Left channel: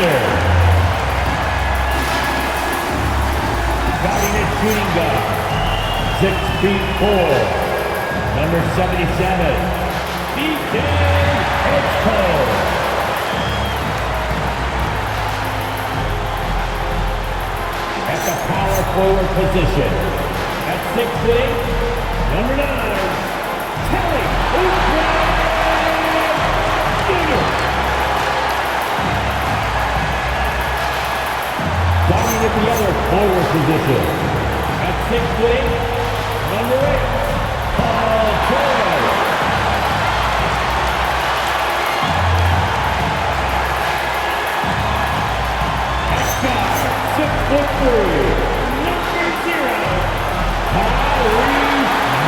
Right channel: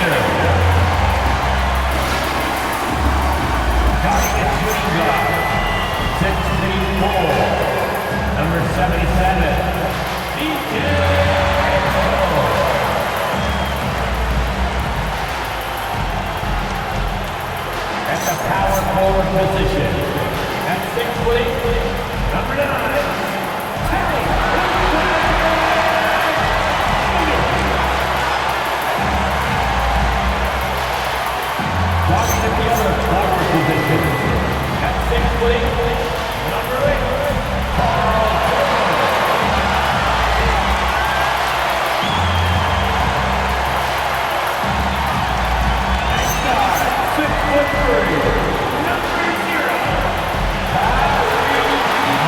center. Starting at shooting guard, 6'4", number 77, DJ Edgecombe. At the power forward position, at 6', number 9, Kelly Oubre. Starting at the other forward position, at 6', number 8, Paul George. At guard, 6'3", number 0, Tyrese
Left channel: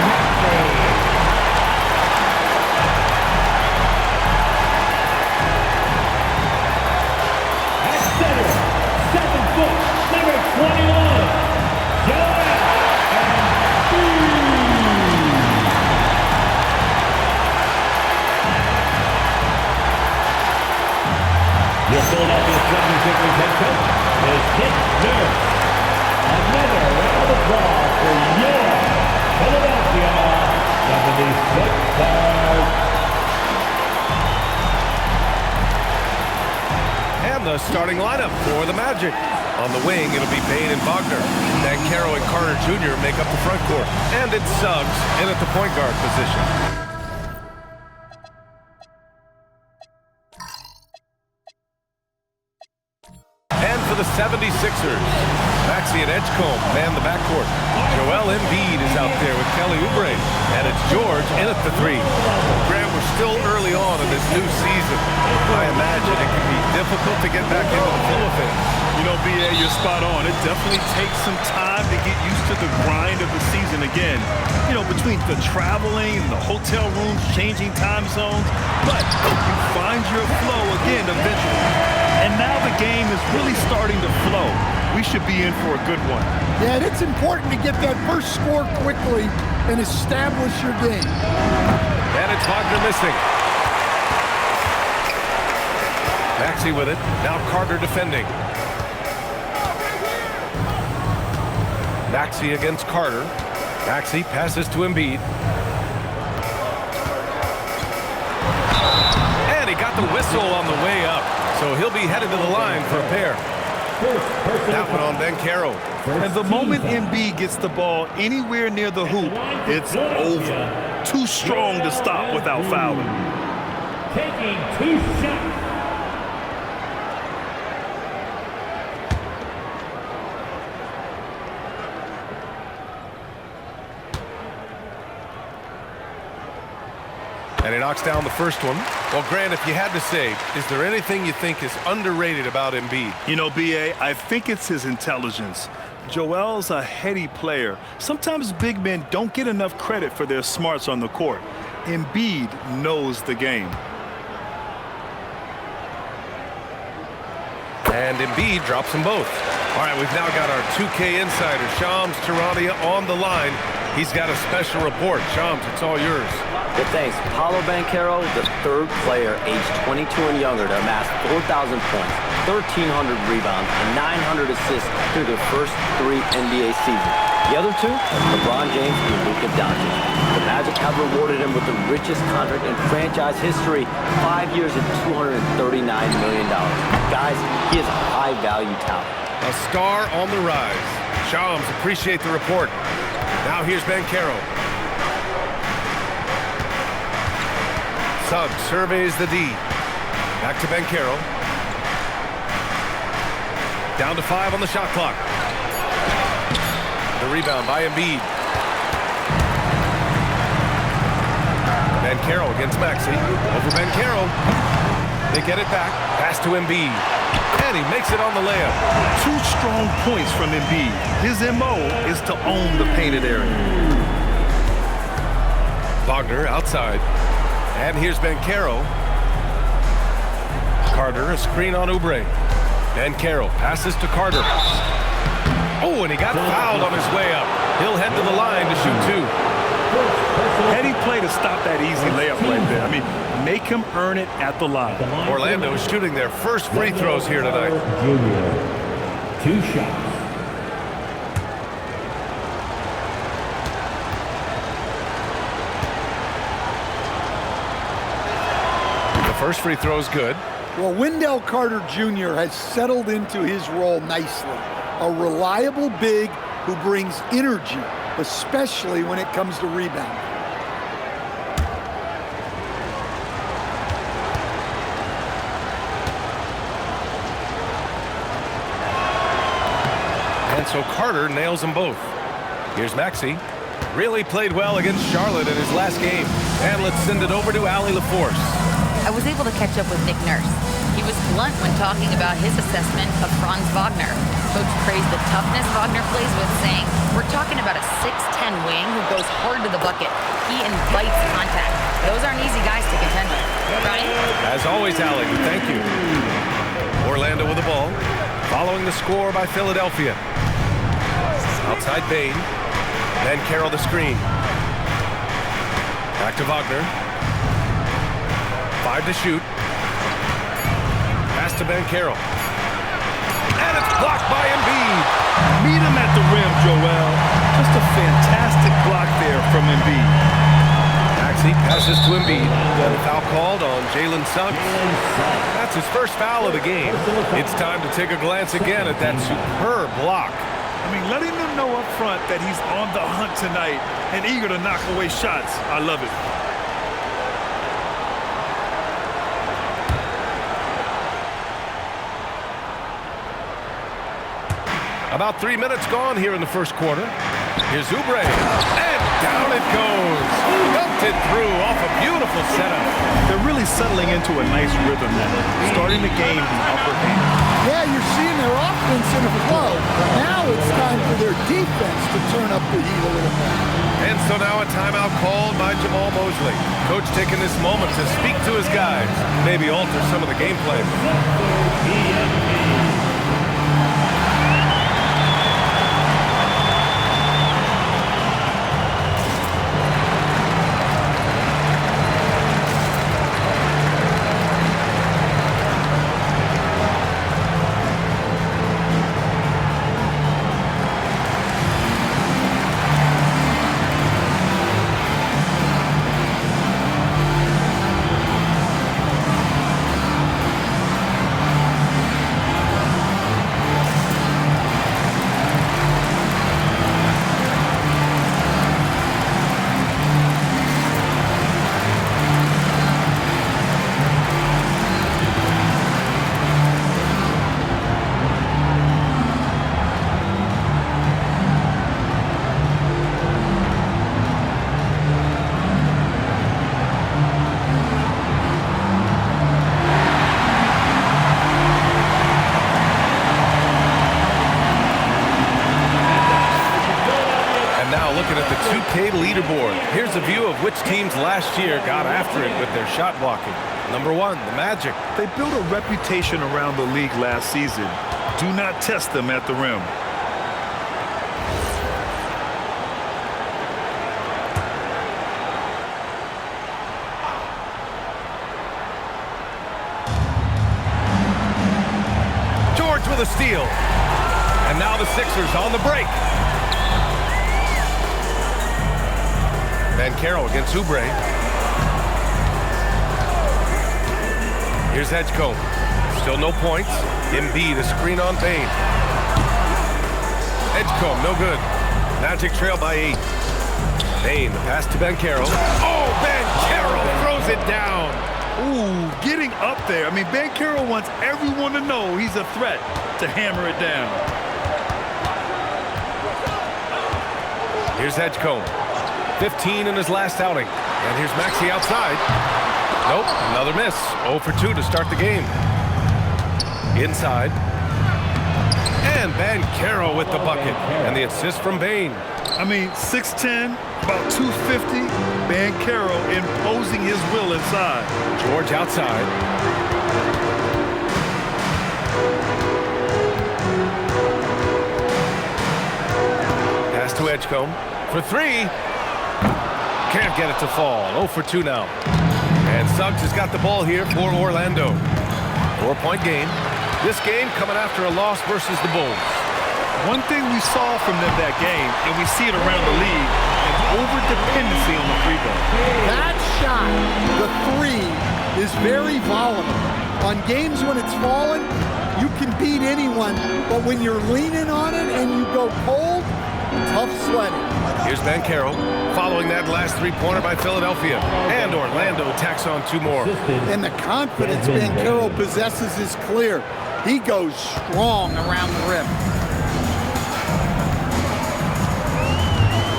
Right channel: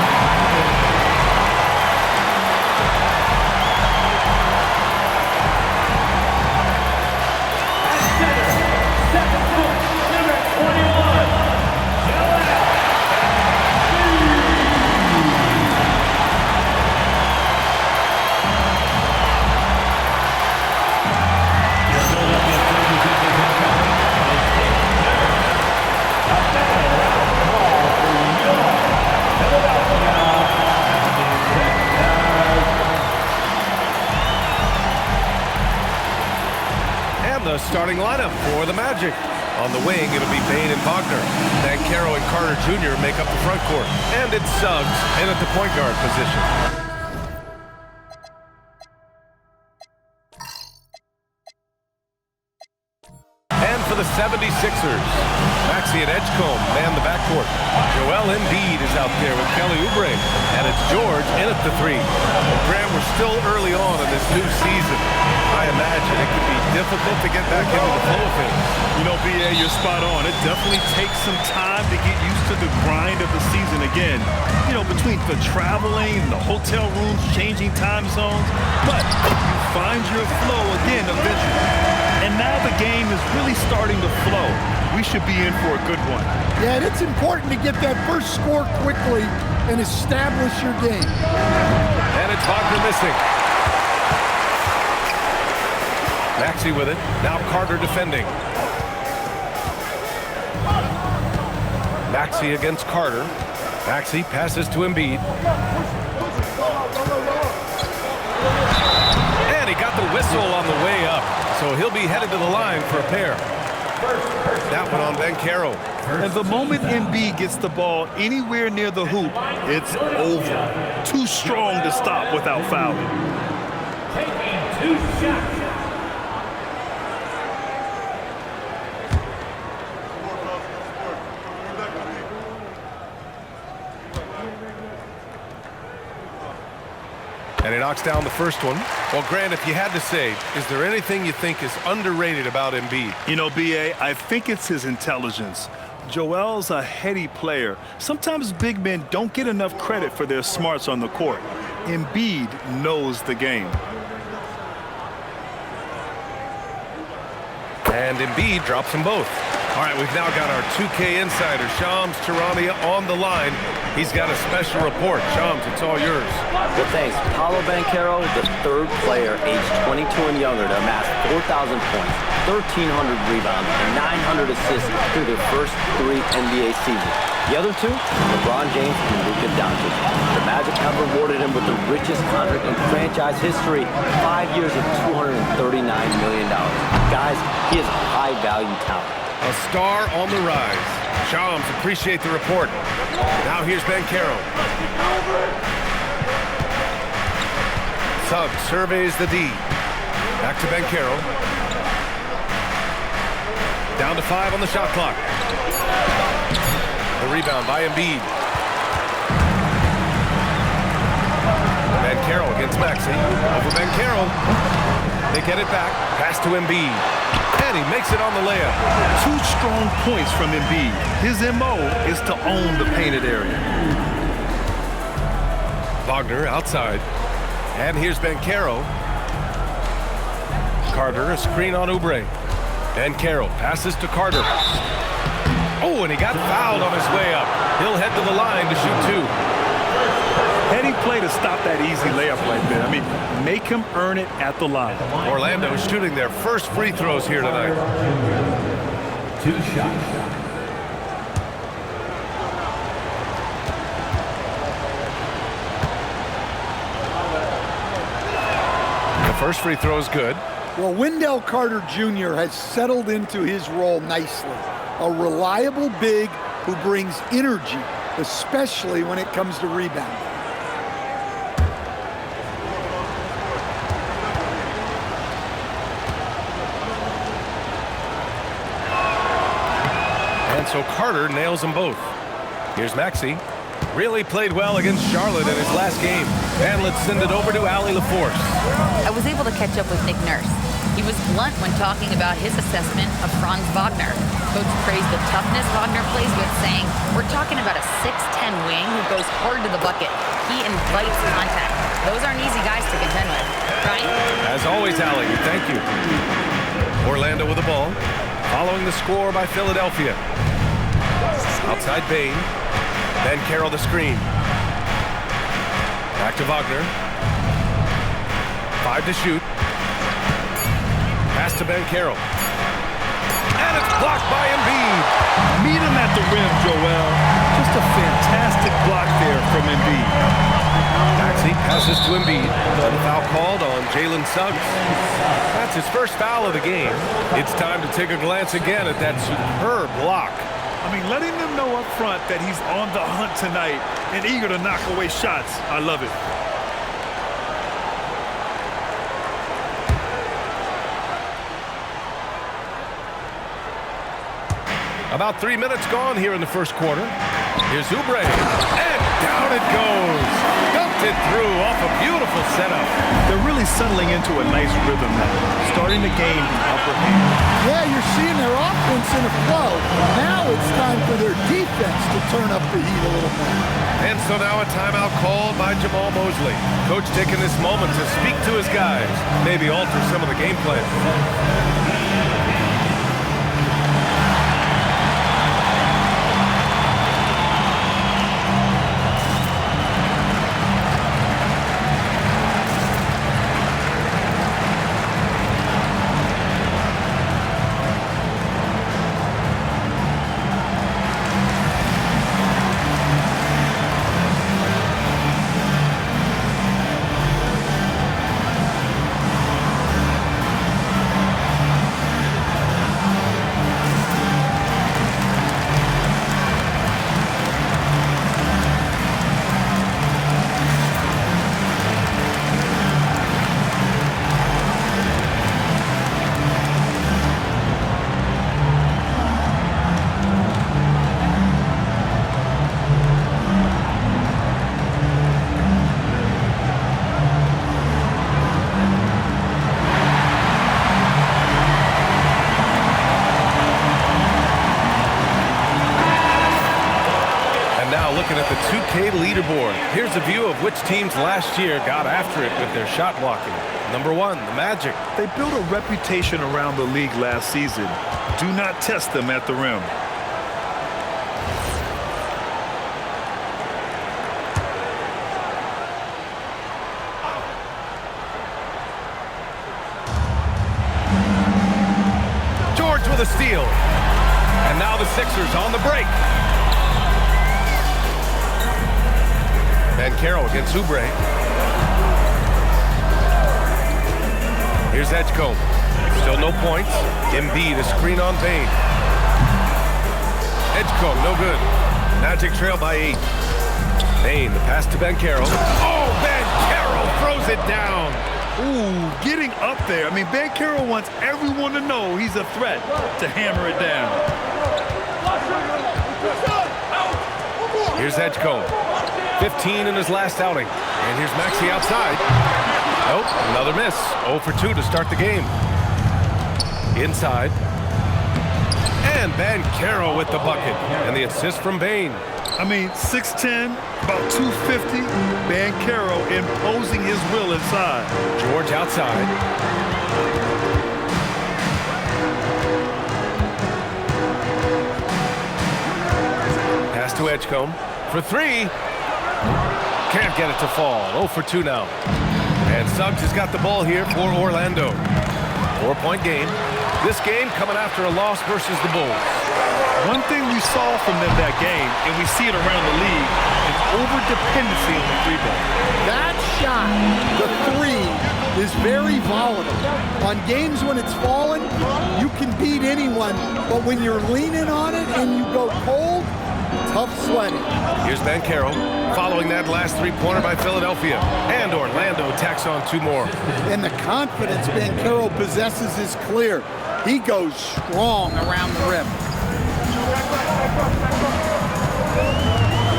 Maxey. At center, 7 foot, number 21, Joel Embiid. Your Philadelphia 76ers head coach is Nick Nurse. Another round of applause for your Philadelphia 76ers. And the starting lineup for the Magic. On the wing, it'll be Bane and Wagner. Banchero and Carter Jr. make up the front court. And it's Suggs in at the point guard position. And for the 76ers, Maxey and Edgecombe man the backcourt. Joel Embiid is out there with Kelly Oubre. And it's George in at the 3. Grant, we're still early on in this new season. I imagine it can be difficult to get back into the flow of things. You know, B.A., you're spot on. It definitely takes some time to get used to the grind of the season again. You know, between the traveling, the hotel rooms, changing time zones. But you find your flow again eventually. And now the game is really starting to flow. We should be in for a good one. Yeah, and it's important to get that first score quickly and establish your game. And it's Wagner missing. Maxey with it. Now Carter defending. Maxey against Carter. Maxey passes to Embiid. And he got the whistle on the way up. So he'll be headed to the line for a pair. That one on Banchero. And the moment Embiid gets the ball anywhere near the hoop, it's over. Too strong to stop without fouling. Taking 2 shots. And he knocks down the first one. Well, Grant, if you had to say, is there anything you think is underrated about Embiid? You know, B.A., I think it's his intelligence. Joel's a heady player. Sometimes big men don't get enough credit for their smarts on the court. Embiid knows the game. And Embiid drops them both. All right, we've now got our 2K insider, Shams Charania, on the line. He's got a special report. Shams, it's all yours. Well, thanks. Paolo Banchero, the 3rd player aged 22 and younger to amass 4,000 points, 1,300 rebounds, and 900 assists through their first 3 NBA seasons. The other 2, LeBron James and Luka Doncic. The Magic have rewarded him with the richest contract in franchise history, 5 years and $239 million. Guys, he is a high-value talent. A star on the rise. Shams, appreciate the report. Now here's Banchero. Suggs surveys the D. Back to Banchero. Down to 5 on the shot clock. The rebound by Embiid. Banchero against Maxey. Over Banchero. They get it back. Pass to Embiid. And he makes it on the layup. 2 strong points from Embiid. His M.O. is to own the painted area. Wagner outside. And here's Banchero. Carter, a screen on Oubre. Banchero passes to Carter. Oh, and he got fouled on his way up. He'll head to the line to shoot 2. steady play to stop that easy layup right there. I mean, make him earn it at the line. Orlando shooting their first free throws here tonight. Jr. 2 shots. The first free throw is good. Well, Wendell Carter Jr. has settled into his role nicely. A reliable big who brings energy, especially when it comes to rebounding. And so Carter nails them both. Here's Maxey. Really played well against Charlotte in his last game. And let's send it over to Allie LaForce. I was able to catch up with Nick Nurse. He was blunt when talking about his assessment of Franz Wagner. Coach praised the toughness Wagner plays with, saying, "We're talking about a 6'10" wing who goes hard to the bucket. He invites contact. Those aren't easy guys to contend with." Brian? As always, Allie, thank you. Orlando with the ball, following the score by Philadelphia. Outside Bane. Banchero the screen. Back to Wagner. 5 to shoot. Pass to Banchero. And it's blocked by Embiid. Meet him at the rim, Joel. Just a fantastic block there from Embiid. Maxey passes to Embiid. And a foul called on Jalen Suggs. That's his first foul of the game. It's time to take a glance again at that superb block. I mean, letting them know up front that he's on the hunt tonight and eager to knock away shots. I love it. About 3 minutes gone here in the first quarter. Here's Oubre, and down it goes. Dumped it through off a beautiful setup. They're really settling into a nice rhythm now, starting to gain the upper hand. Yeah, you're seeing their offense in a flow. Now it's time for their defense to turn up the heat a little more. And so now a timeout called by Jamal Mosley. Coach taking this moment to speak to his guys, maybe alter some of the game plan. Now looking at the 2K leaderboard. Here's a view of which teams last year got after it with their shot blocking. Number 1, the Magic. They built a reputation around the league last season. Do not test them at the rim. George with a steal. And now the Sixers on the break. Banchero against Oubre. Here's Edgecombe. Still no points. Embiid, a screen on Bane. Edgecombe, no good. Magic trail by 8. Bane, the pass to Banchero. Oh, Banchero throws it down. Ooh, getting up there. I mean, Banchero wants everyone to know he's a threat to hammer it down. Here's Edgecombe. 15 in his last outing. And here's Maxey outside. Nope, another miss. 0 for 2 to start the game. Inside. And Banchero with the bucket. And the assist from Bane. I mean, 6'10", about 250. Banchero imposing his will inside. George outside. Pass to Edgecombe for 3. Can't get it to fall. 0 for 2 now. And Suggs has got the ball here for Orlando. 4-point game. This game coming after a loss versus the Bulls. One thing we saw from them that game, and we see it around the league, an over-dependency on the three ball. That shot, the three, is very volatile. On games when it's falling, you can beat anyone, but when you're leaning on it and you go cold, tough sledding. Here's Banchero following that last three-pointer by Philadelphia. And Orlando tacks on 2 more. And the confidence Banchero possesses is clear. He goes strong around the rim.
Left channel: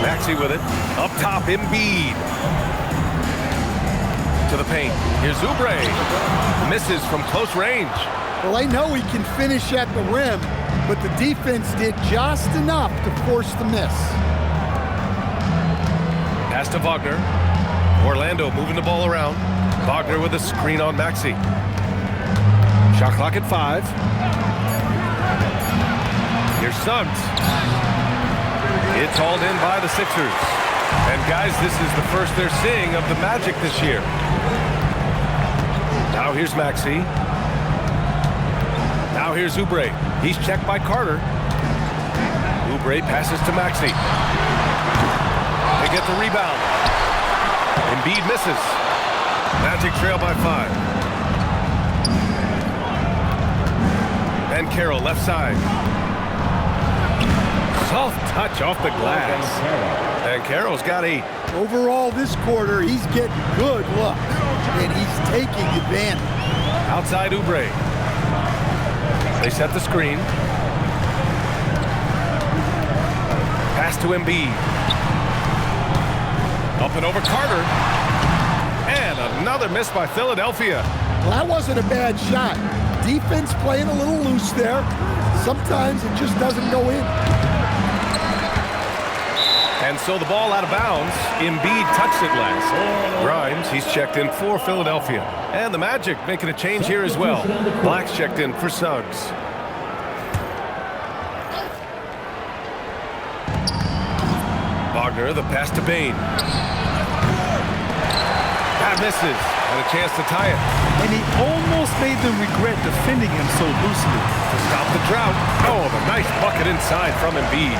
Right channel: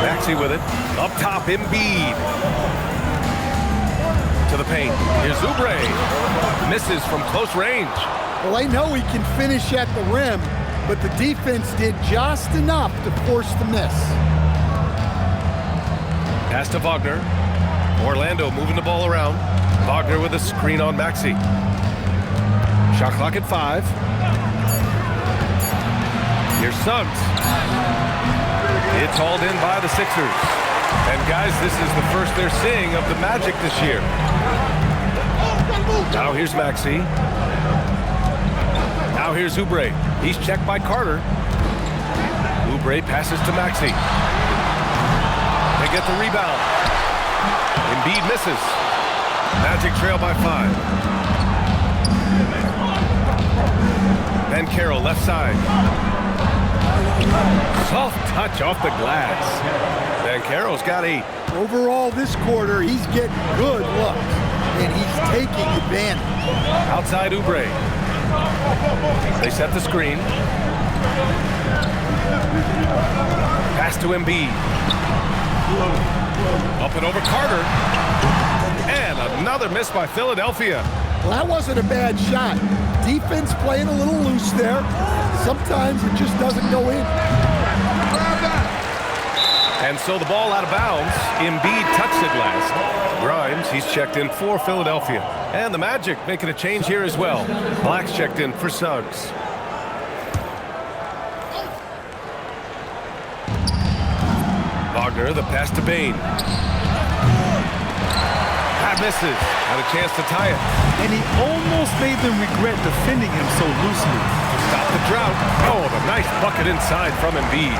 Maxey with it. Up top, Embiid. To the paint. Here's Oubre. Misses from close range. Well, they know he can finish at the rim, but the defense did just enough to force the miss. Pass to Wagner. Orlando moving the ball around. Wagner with a screen on Maxey. Shot clock at 5. Here's Suggs. It's hauled in by the Sixers. And guys, this is the first they're seeing of the Magic this year. Now here's Maxey. Now here's Oubre. He's checked by Carter. Oubre passes to Maxey. They get the rebound. Embiid misses. Magic trail by 5. Banchero left side. Soft touch off the glass. Banchero's got 8. Overall this quarter, he's getting good looks, and he's taking advantage. Outside Oubre. They set the screen. Pass to Embiid. Up and over Carter. And another miss by Philadelphia. Well, that wasn't a bad shot. Defense playing a little loose there. Sometimes it just doesn't go in. And so the ball out of bounds. Embiid touched it last. Grimes, he's checked in for Philadelphia. And the Magic making a change here as well. Black's checked in for Suggs. Wagner, the pass to Bane. That misses. Had a chance to tie it. And he almost made them regret defending him so loosely. To stop the drought. Oh, the nice bucket inside from Embiid.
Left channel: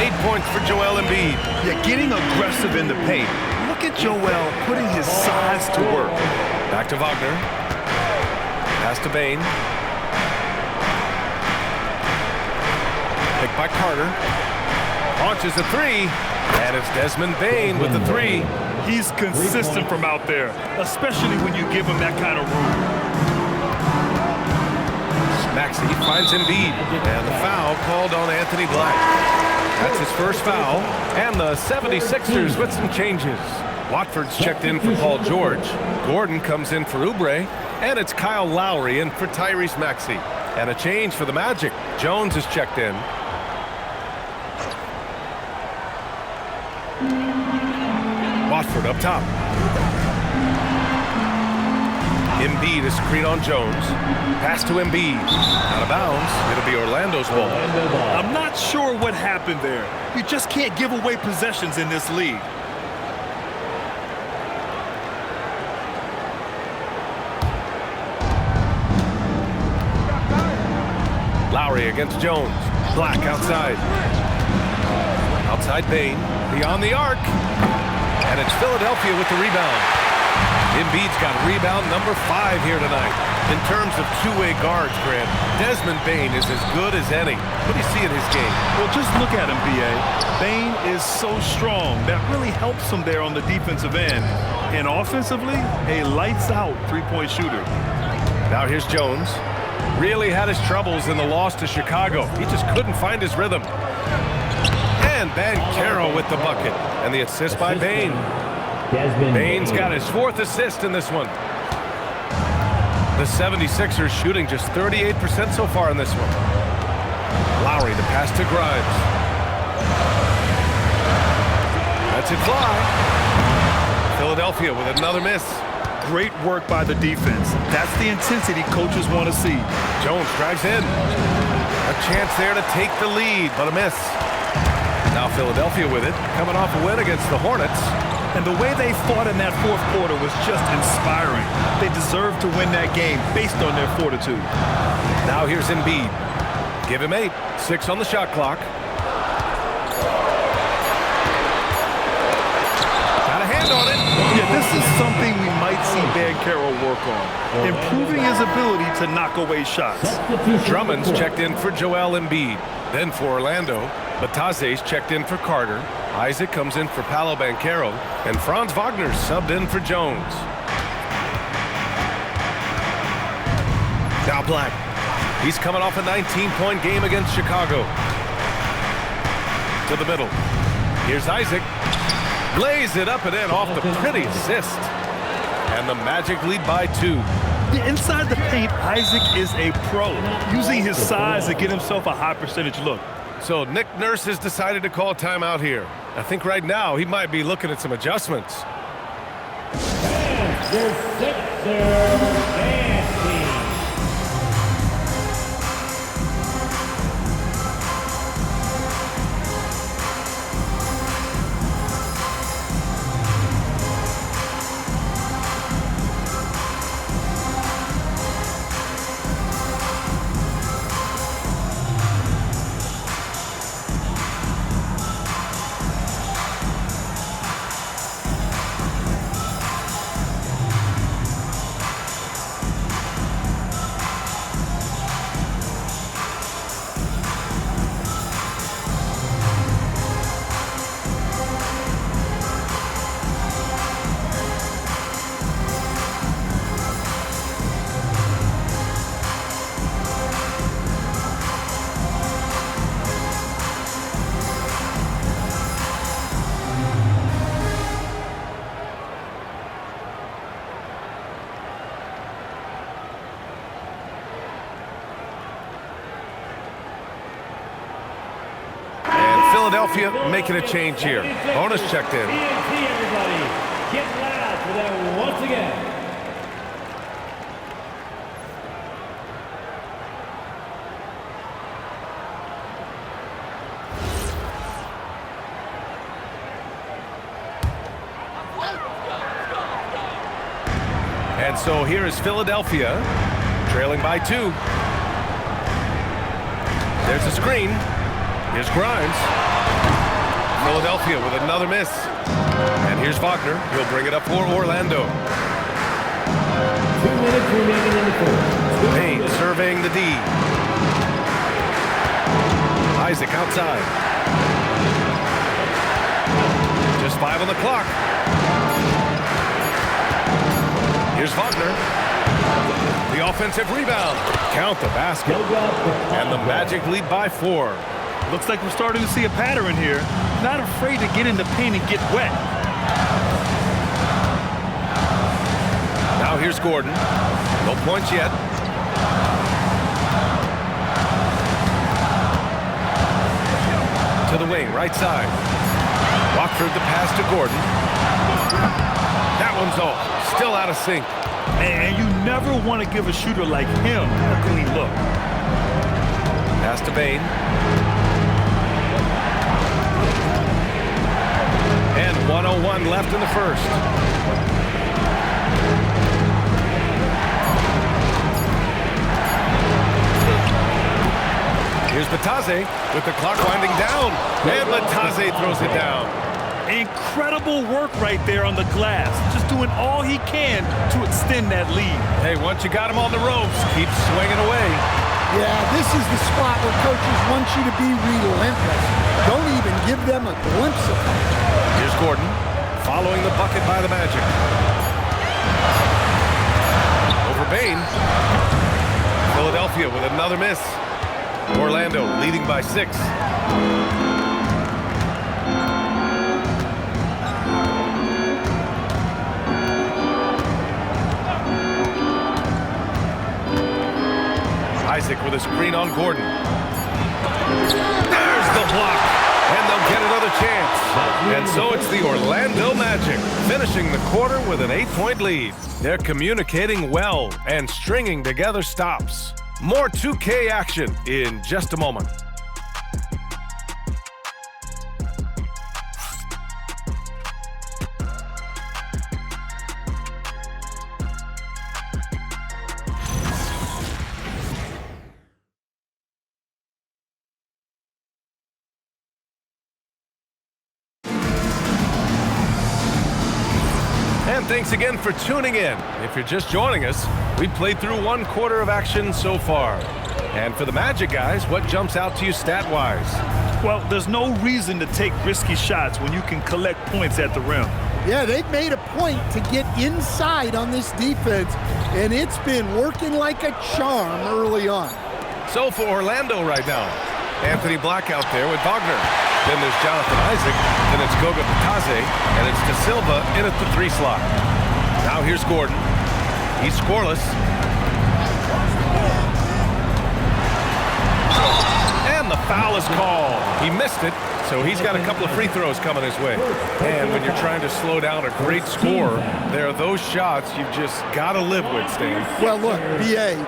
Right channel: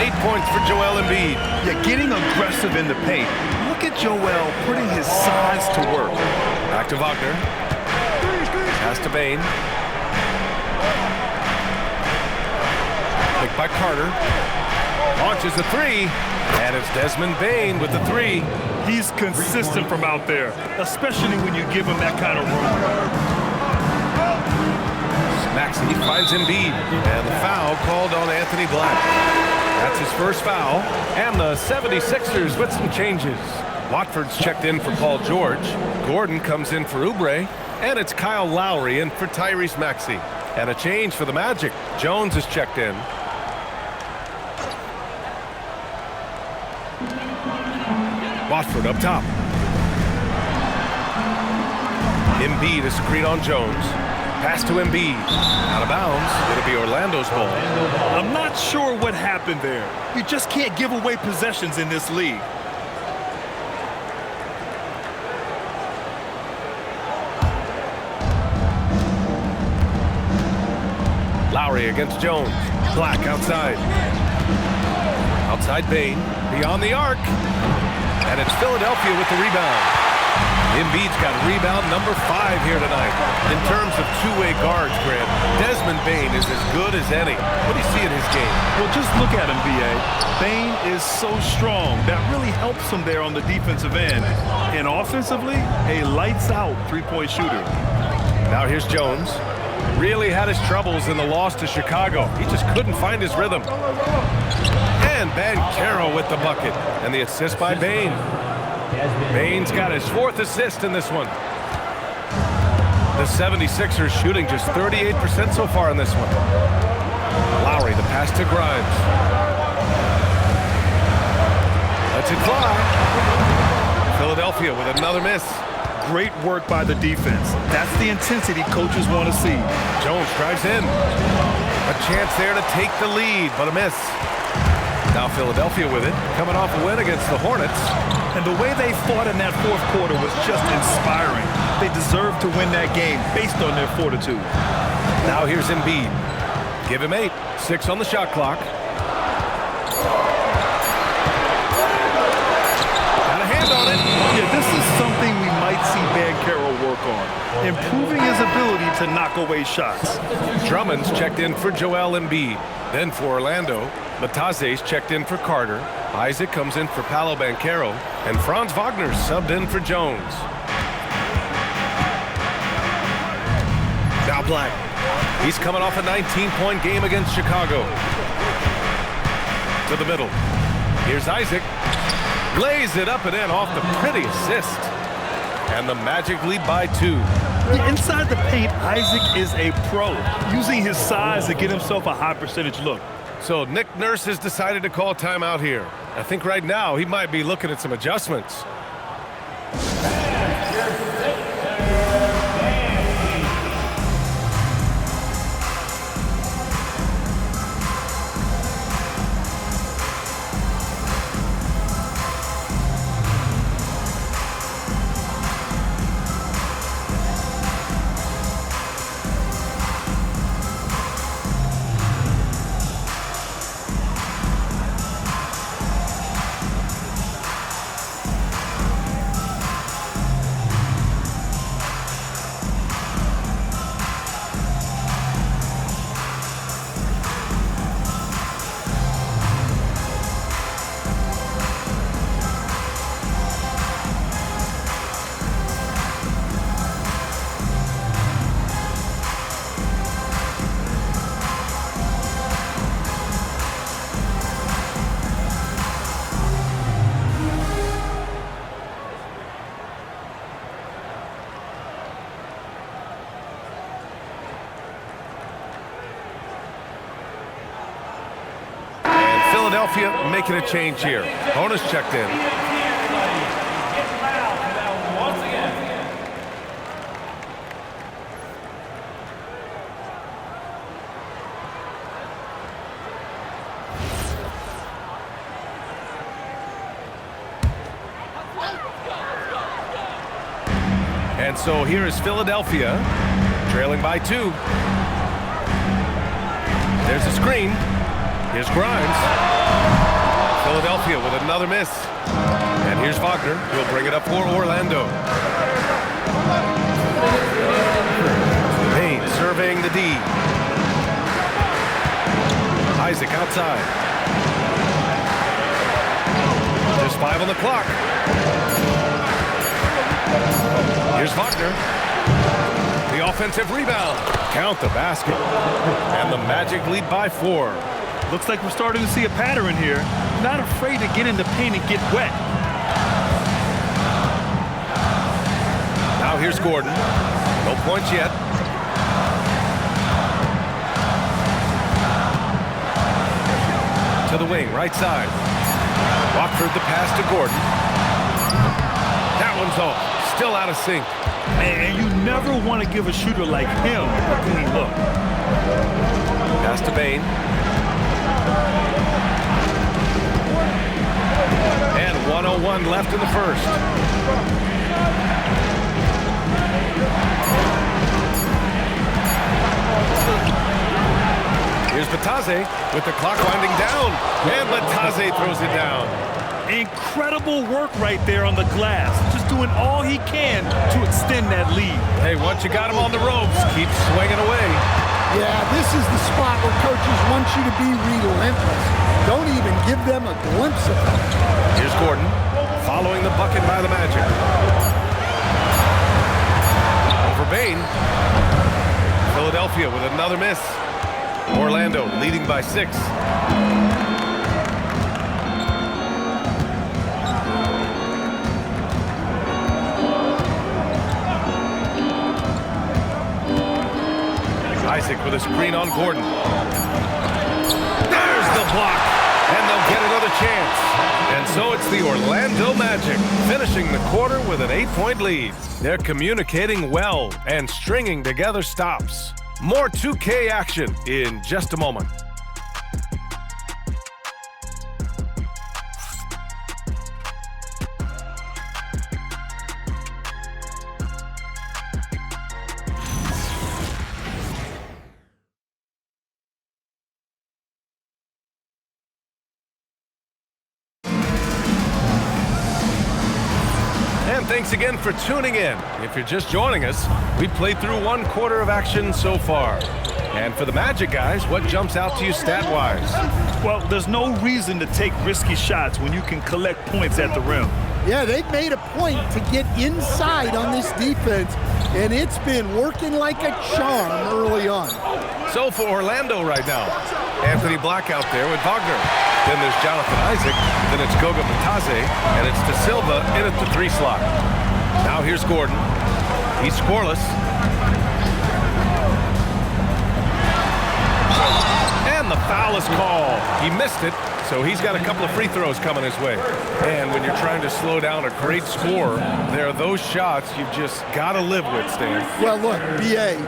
8 points for Joel Embiid. Yeah, getting aggressive in the paint. Look at Joel putting his size to work. Back to Wagner. Pass to Bane. Picked by Carter. Launches a 3. And it's Desmond Bane with the 3. He's consistent from out there, especially when you give him that kind of room. Maxey finds Embiid. And the foul called on Anthony Black. That's his first foul. And the 76ers with some changes. Watford's checked in for Paul George. Gordon comes in for Oubre. And it's Kyle Lowry in for Tyrese Maxey. And a change for the Magic. Jones is checked in. Watford up top. Embiid is screen on Jones. Pass to Embiid. Out of bounds. It'll be Orlando's ball. I'm not sure what happened there. You just can't give away possessions in this league. Lowry against Jones. Black outside. Outside Bane. Beyond the arc. And it's Philadelphia with the rebound. Embiid's got rebound number 5 here tonight. In terms of two-way guards, Grant, Desmond Bane is as good as any. What do you see in his game? Well, just look at him, B.A. Bane is so strong. That really helps him there on the defensive end. And offensively, a lights-out three-point shooter. Now here's Jones. Really had his troubles in the loss to Chicago. He just couldn't find his rhythm. And Banchero with the bucket. And the assist by Bane. Bane's got his 4th assist in this one. The 76ers shooting just 38% so far in this one. Lowry, the pass to Grimes. Lets it fly. Philadelphia with another miss. Great work by the defense. That's the intensity coaches want to see. Jones drives in. A chance there to take the lead, but a miss. Now Philadelphia with it, coming off a win against the Hornets. And the way they fought in that fourth quarter was just inspiring. They deserved to win that game based on their fortitude. Now here's Embiid. Give him 8. 6 on the shot clock. Got a hand on it. Yeah, this is something we might see Banchero work on, improving his ability to knock away shots. Drummond's checked in for Joel Embiid. Then for Orlando, Bataze's checked in for Carter. Isaac comes in for Paolo Banchero, and Franz Wagner's subbed in for Jones. Now Black. He's coming off a 19-point game against Chicago. To the middle. Here's Isaac. Lays it up and in off the pretty assist. And the Magic lead by 2. Inside the paint, Isaac is a pro, using his size to get himself a high percentage look. So Nick Nurse has decided to call timeout here. I think right now he might be looking at some adjustments. And your Sixers dancing. Philadelphia making a change here. Bonus checked in. TNT, everybody. Get loud for that once again. And so here is Philadelphia, trailing by 2. There's a screen. Here's Grimes. Philadelphia with another miss. And here's Wagner. He'll bring it up for Orlando. Payne surveying the D. Isaac outside. Just 5 on the clock. Here's Wagner. The offensive rebound. Count the basket. And the Magic lead by 4. Looks like we're starting to see a pattern here. Not afraid to get in the paint and get wet. Now here's Gordon. No points yet. To the wing, right side. Watford the pass to Gordon. That one's off. Still out of sync. And you never want to give a shooter like him a clean look. Pass to Bane. And 1:01 left in the first. Here's Bataze with the clock winding down. And Bataze throws it down. Incredible work right there on the glass. Just doing all he can to extend that lead. Hey, once you got him on the ropes, keep swinging away. Yeah, this is the spot where coaches want you to be relentless. Don't even give them a glimpse of it. Here's Gordon, following the bucket by the Magic. Over Bane. Philadelphia with another miss. Orlando leading by 6. Isaac with a screen on Gordon. There's the block. And they'll get another chance. And so it's the Orlando Magic finishing the quarter with an 8-point lead. They're communicating well and stringing together stops. More 2K action in just a moment. And thanks again for tuning in. If you're just joining us, we've played through 1 quarter of action so far. And for the Magic guys, what jumps out to you stat-wise? Well, there's no reason to take risky shots when you can collect points at the rim. Yeah, they've made a point to get inside on this defense, and it's been working like a charm early on. So for Orlando right now, Anthony Black out there with Wagner. Then there's Jonathan Isaac, then it's Goga Bitadze, and it's De Silva in at the 3 slot. Now here's Gordon. He's scoreless. And the foul is called. He missed it, so he's got a couple of free throws coming his way. And when you're trying to slow down a great scorer, there are those shots you've just got to live with, Stan. Well, look, B.A.,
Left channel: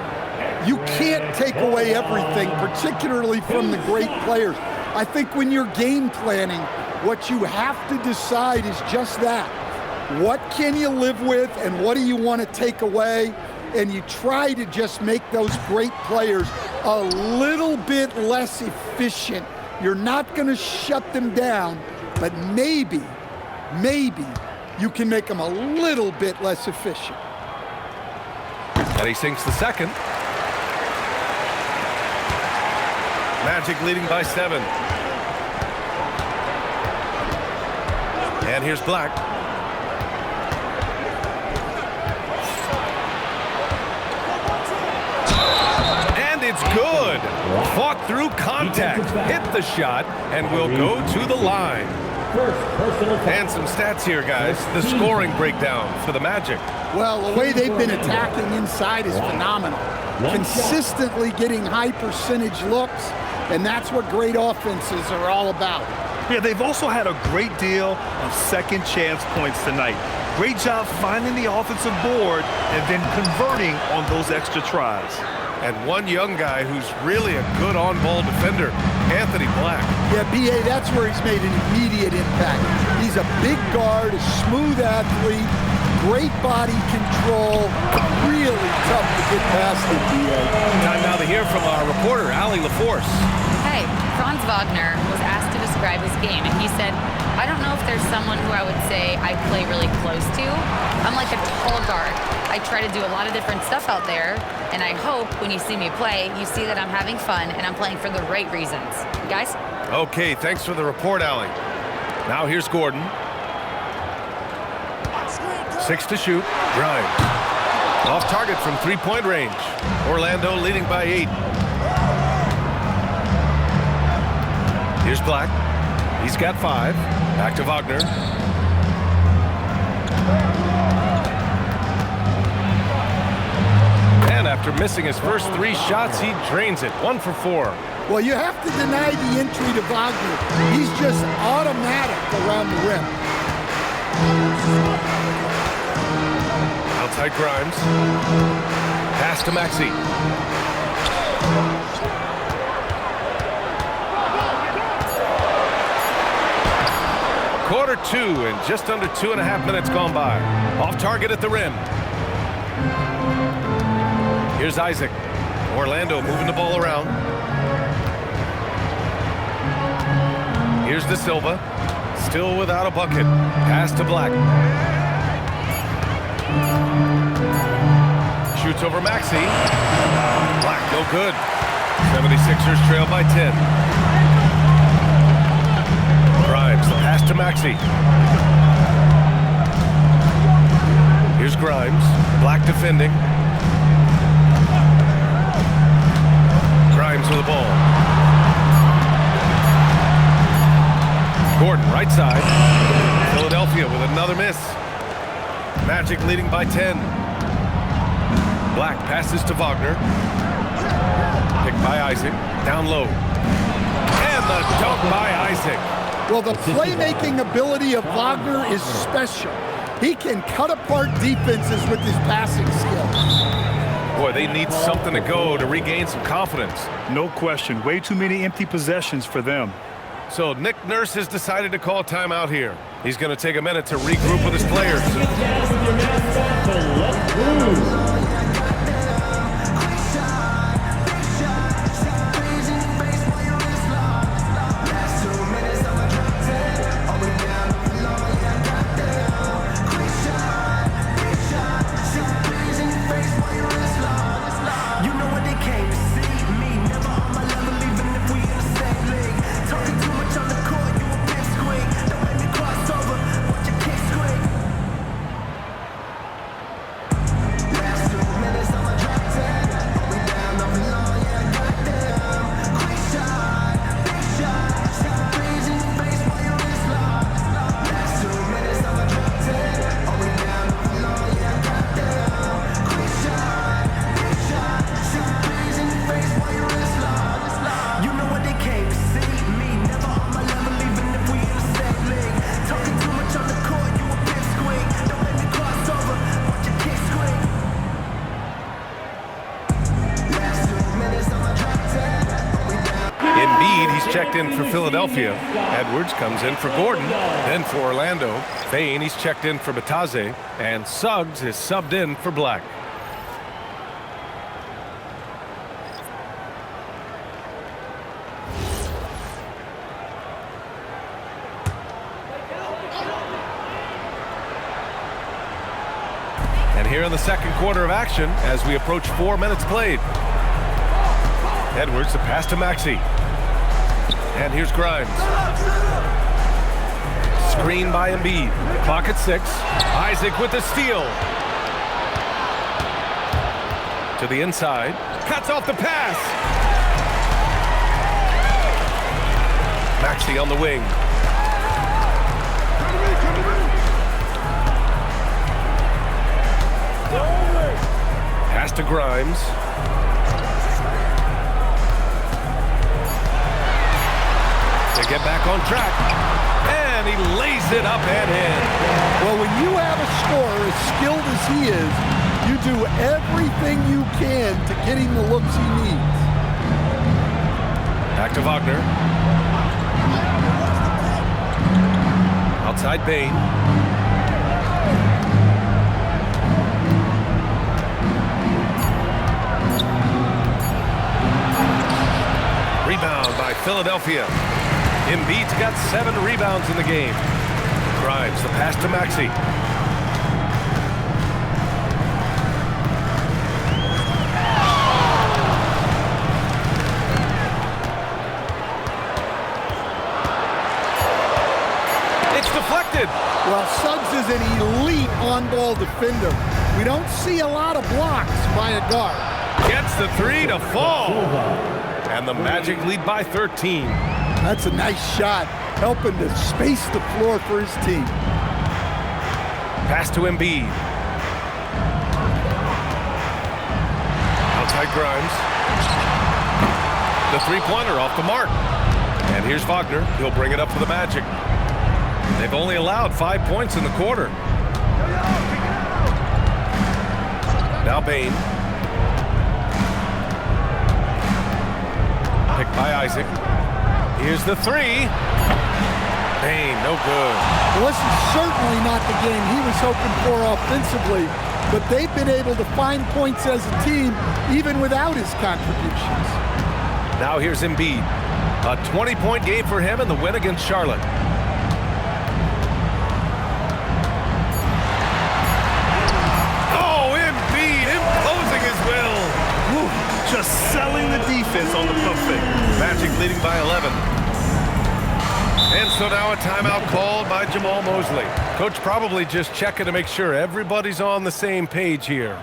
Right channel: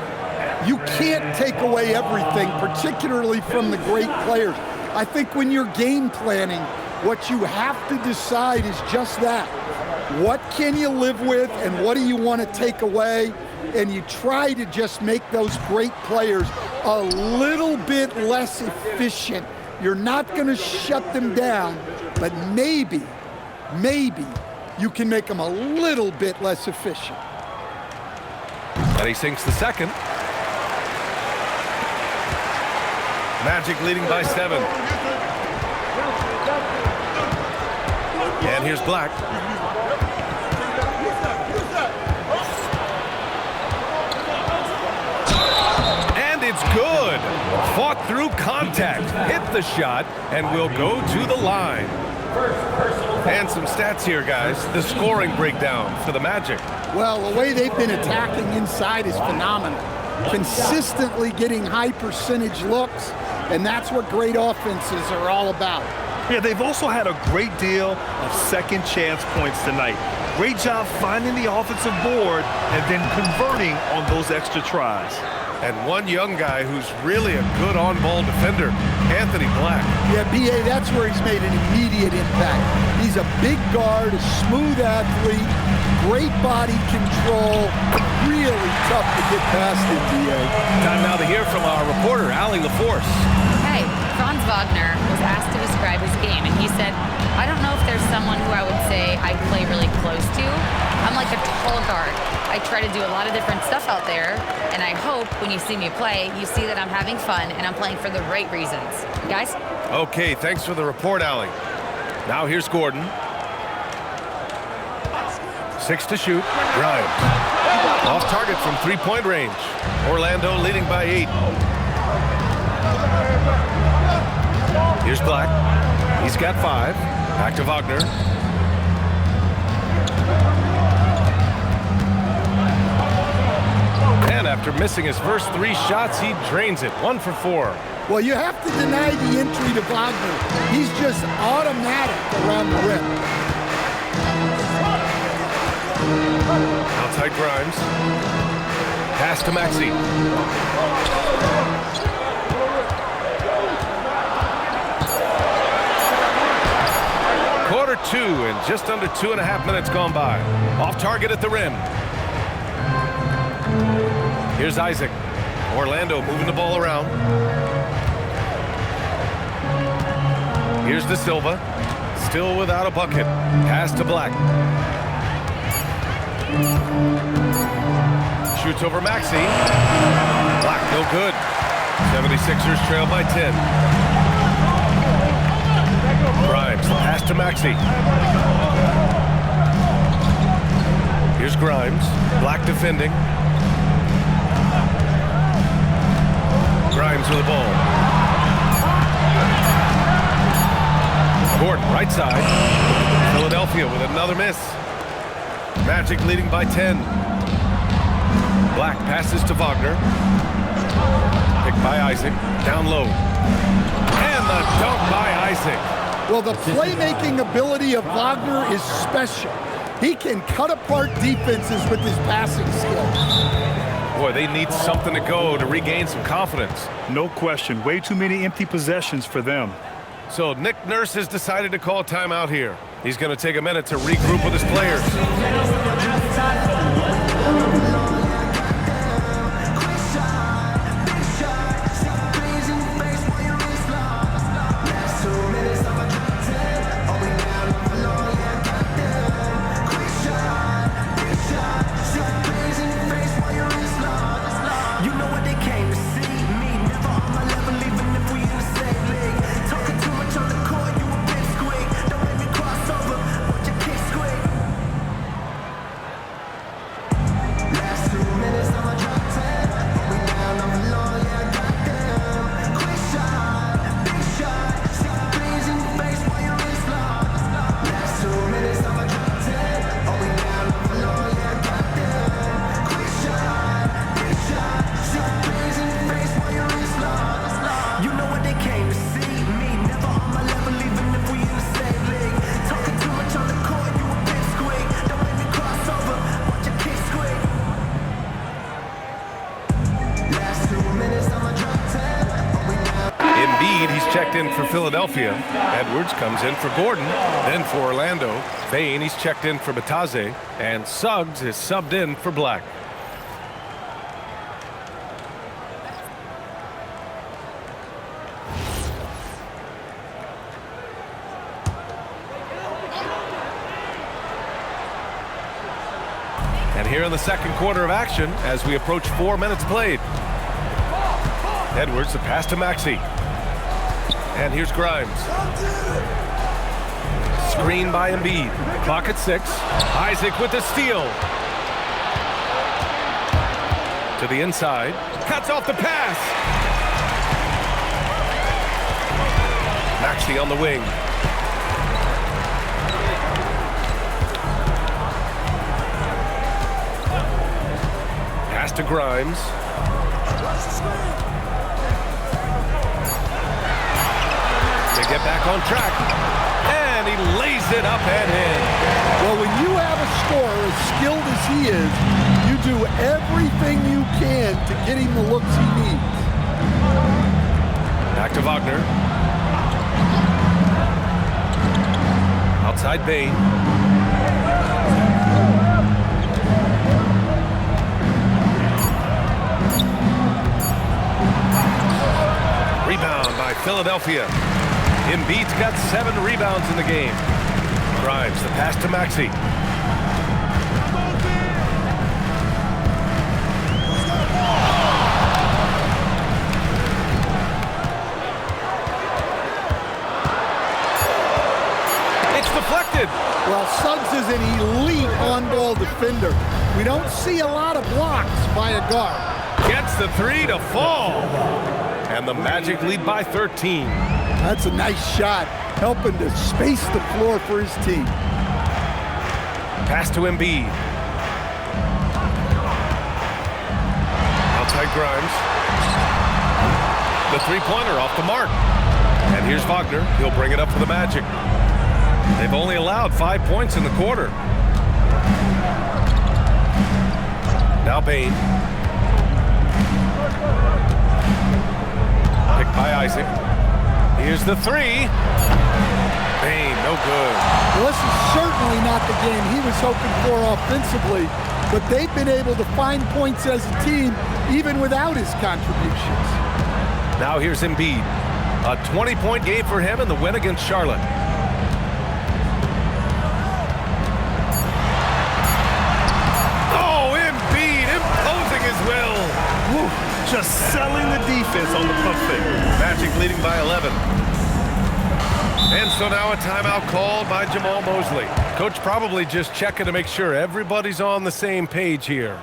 you can't take away everything, particularly from the great players. I think when you're game planning, what you have to decide is just that. What can you live with and what do you want to take away? And you try to just make those great players a little bit less efficient. You're not going to shut them down, but maybe you can make them a little bit less efficient. And he sinks the second. Magic leading by 7. And here's Black. And it's good. Fought through contact, hit the shot, and will go to the line. And some stats here, guys. The scoring breakdown for the Magic. Well, the way they've been attacking inside is phenomenal. Consistently getting high percentage looks, and that's what great offenses are all about. Yeah, they've also had a great deal of second chance points tonight. Great job finding the offensive board and then converting on those extra tries. And one young guy who's really a good on-ball defender, Anthony Black. Yeah, B.A., that's where he's made an immediate impact. He's a big guard, a smooth athlete, great body control, really tough to get past him, B.A. Time now to hear from our reporter, Allie LaForce. Hey, Franz Wagner was asked to describe his game, and he said, I don't know if there's someone who I would say I play really close to. I'm like a tall guard. I try to do a lot of different stuff out there, and I hope when you see me play, you see that I'm having fun and I'm playing for the right reasons. Guys? Okay, thanks for the report, Allie. Now here's Gordon. 6 to shoot. Grimes. Off target from 3-point range. Orlando leading by 8. Here's Black. He's got 5. Back to Wagner. And after missing his first 3 shots, he drains it. 1 for 4. Well, you have to deny the entry to Wagner. He's just automatic around the rim. Outside Grimes. Pass to Maxey. Quarter 2 and just under 2.5 minutes gone by. Off target at the rim. Here's Isaac. Orlando moving the ball around. Here's De Silva. Still without a bucket. Pass to Black. Shoots over Maxey. Black, no good. 76ers trail by 10. Grimes, the pass to Maxey. Here's Grimes. Black defending. Grimes with the ball. Gordon, right side. Philadelphia with another miss. Magic leading by 10. Black passes to Wagner. Picked by Isaac. Down low. And the dunk by Isaac. Well, the playmaking ability of Wagner is special. He can cut apart defenses with his passing skills. Boy, they need something to go to regain some confidence. No question. Way too many empty possessions for them. So Nick Nurse has decided to call timeout here. He's going to take a minute to regroup with his players. checked in for Philadelphia. Edwards comes in for Gordon. Then for Orlando, Bain, he's checked in for Bataze. And Suggs is subbed in for Black. And here in the second quarter of action, as we approach 4 minutes played. Edwards, the pass to Maxey. And here's Grimes. Screen by Embiid. Clock at 6. Isaac with the steal. To the inside. Cuts off the pass. Maxey on the wing. Pass to Grimes. To get back on track. And he lays it up and in. Well, when you have a scorer as skilled as he is, you do everything you can to get him the looks he needs. Back to Wagner. Outside Bain. Rebound by Philadelphia. Embiid's got 7 rebounds in the game. Grimes, the pass to Maxey. It's deflected. Well, Suggs is an elite on-ball defender. We don't see a lot of blocks by a guard. Gets the 3 to fall. And the Magic lead by 13. That's a nice shot, helping to space the floor for his team. Pass to Embiid. Outside Grimes. The three-pointer off the mark. And here's Wagner. He'll bring it up for the Magic. They've only allowed 5 points in the quarter. Now Bain. Picked by Isaac. Here's the 3. Bain, no good. Well, this is certainly not the game he was hoping for offensively, but they've been able to find points as a team even without his contributions. Now here's Embiid. A 20-point game for him in the win against Charlotte. Oh, Embiid imposing his will. Whew, just selling the defense on the pump fake. Magic leading by 11. And so now a timeout called by Jamal Mosley. Coach probably just checking to make sure everybody's on the same page here.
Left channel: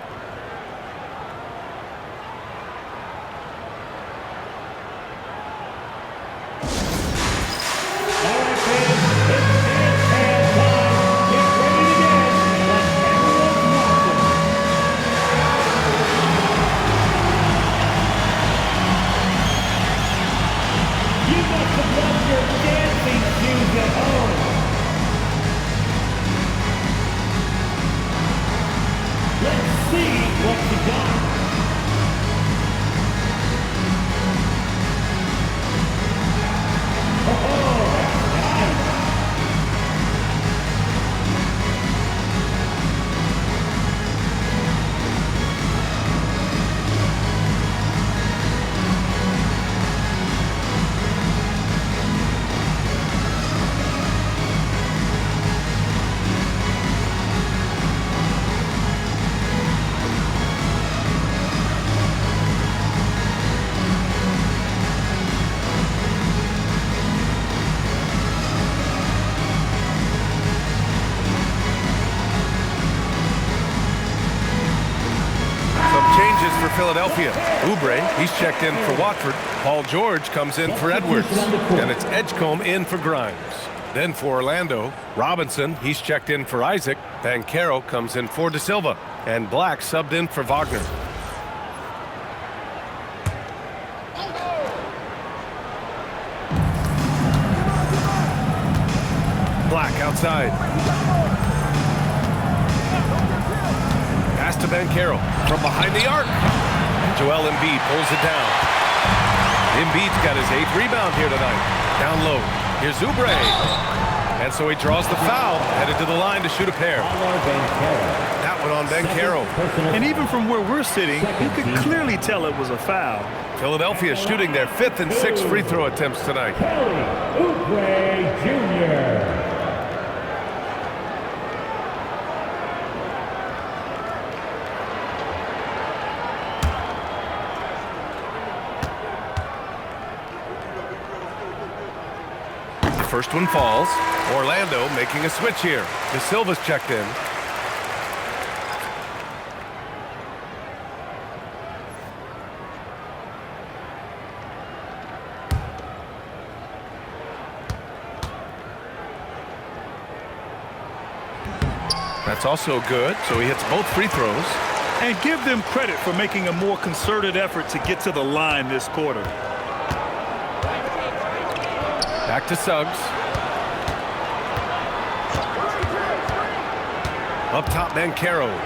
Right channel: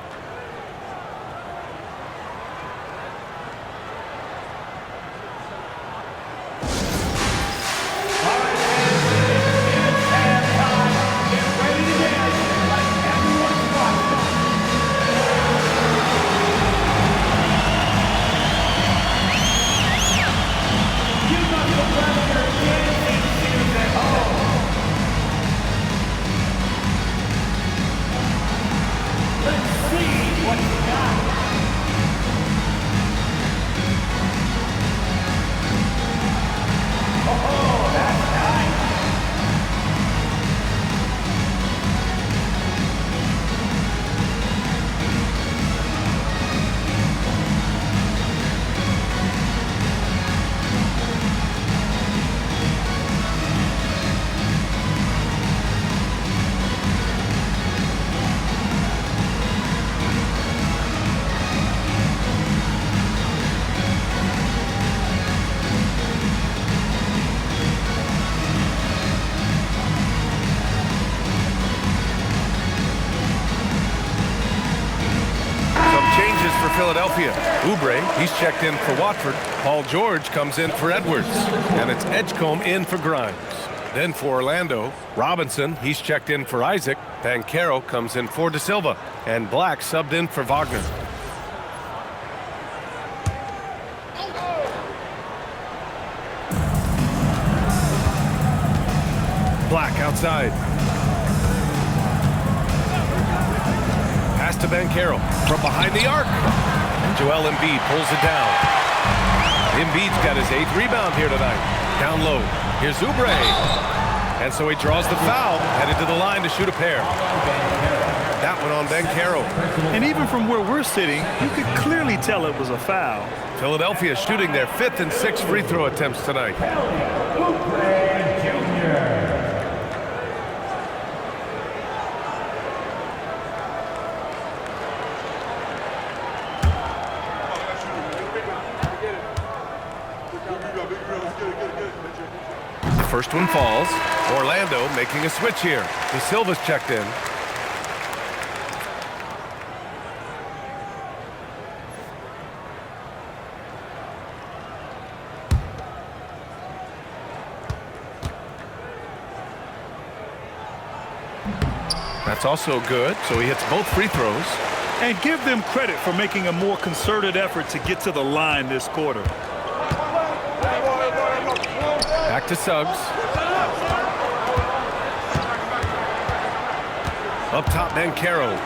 Changes for Philadelphia. Oubre, he's checked in for Watford. Paul George comes in for Edwards. And it's Edgecombe in for Grimes. Then for Orlando, Robinson, he's checked in for Isaac. Banchero comes in for De Silva. And Black subbed in for Wagner. Black outside. Pass to Banchero from behind the arc. And Joel Embiid pulls it down. Embiid's got his 8th rebound here tonight. Down low. Here's Oubre. And so he draws the foul, headed to the line to shoot a pair. That one on Banchero. And even from where we're sitting, you could clearly tell it was a foul. Philadelphia shooting their 5th and 6th free throw attempts tonight. Kelly Oubre Jr. First one falls. Orlando making a switch here. De Silva's checked in. That's also good, so he hits both free throws. And give them credit for making a more concerted effort to get to the line this quarter. Back to Suggs. Up top, Banchero.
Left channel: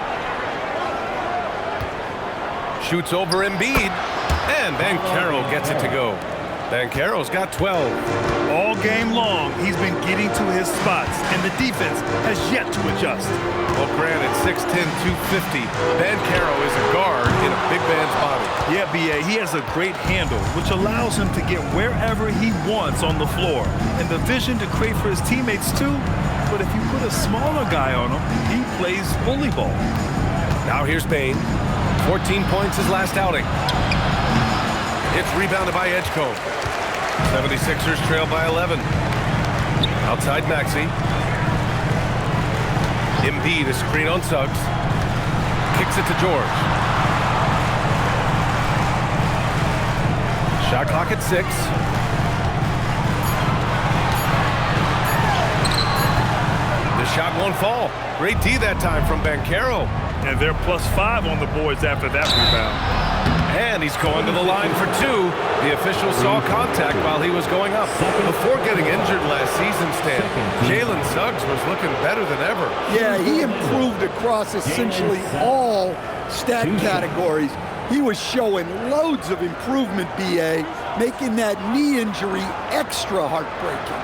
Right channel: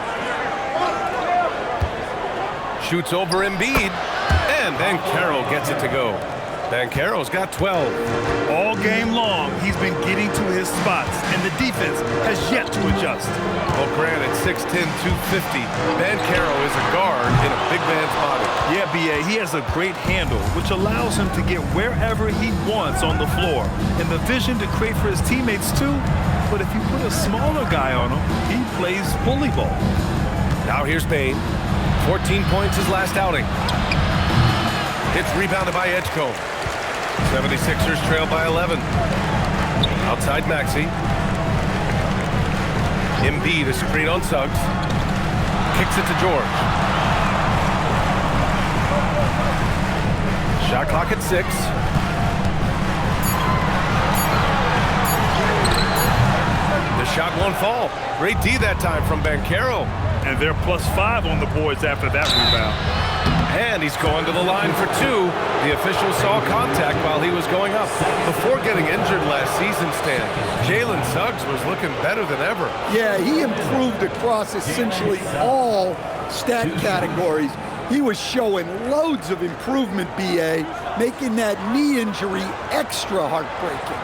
Shoots over Embiid. And Banchero gets it to go. Banchero's got 12. All game long, he's been getting to his spots, and the defense has yet to adjust. Well, granted, 6'10", 250. Banchero is a guard in a big man's body. Yeah, B.A., he has a great handle, which allows him to get wherever he wants on the floor, and the vision to create for his teammates, too. But if you put a smaller guy on him, he plays bully ball. Now here's Bane. 14 points his last outing. It's rebounded by Edgecombe. 76ers trail by 11. Outside Maxey. Embiid, a screen on Suggs. Kicks it to George. Shot clock at 6. The shot won't fall. Great D that time from Banchero. And they're +5 on the boards after that rebound. And he's going to the line for 2. The official saw contact while he was going up. Before getting injured last season, Stan, Jalen Suggs was looking better than ever. Yeah, he improved across essentially all stat categories. He was showing loads of improvement, B.A., making that knee injury extra heartbreaking.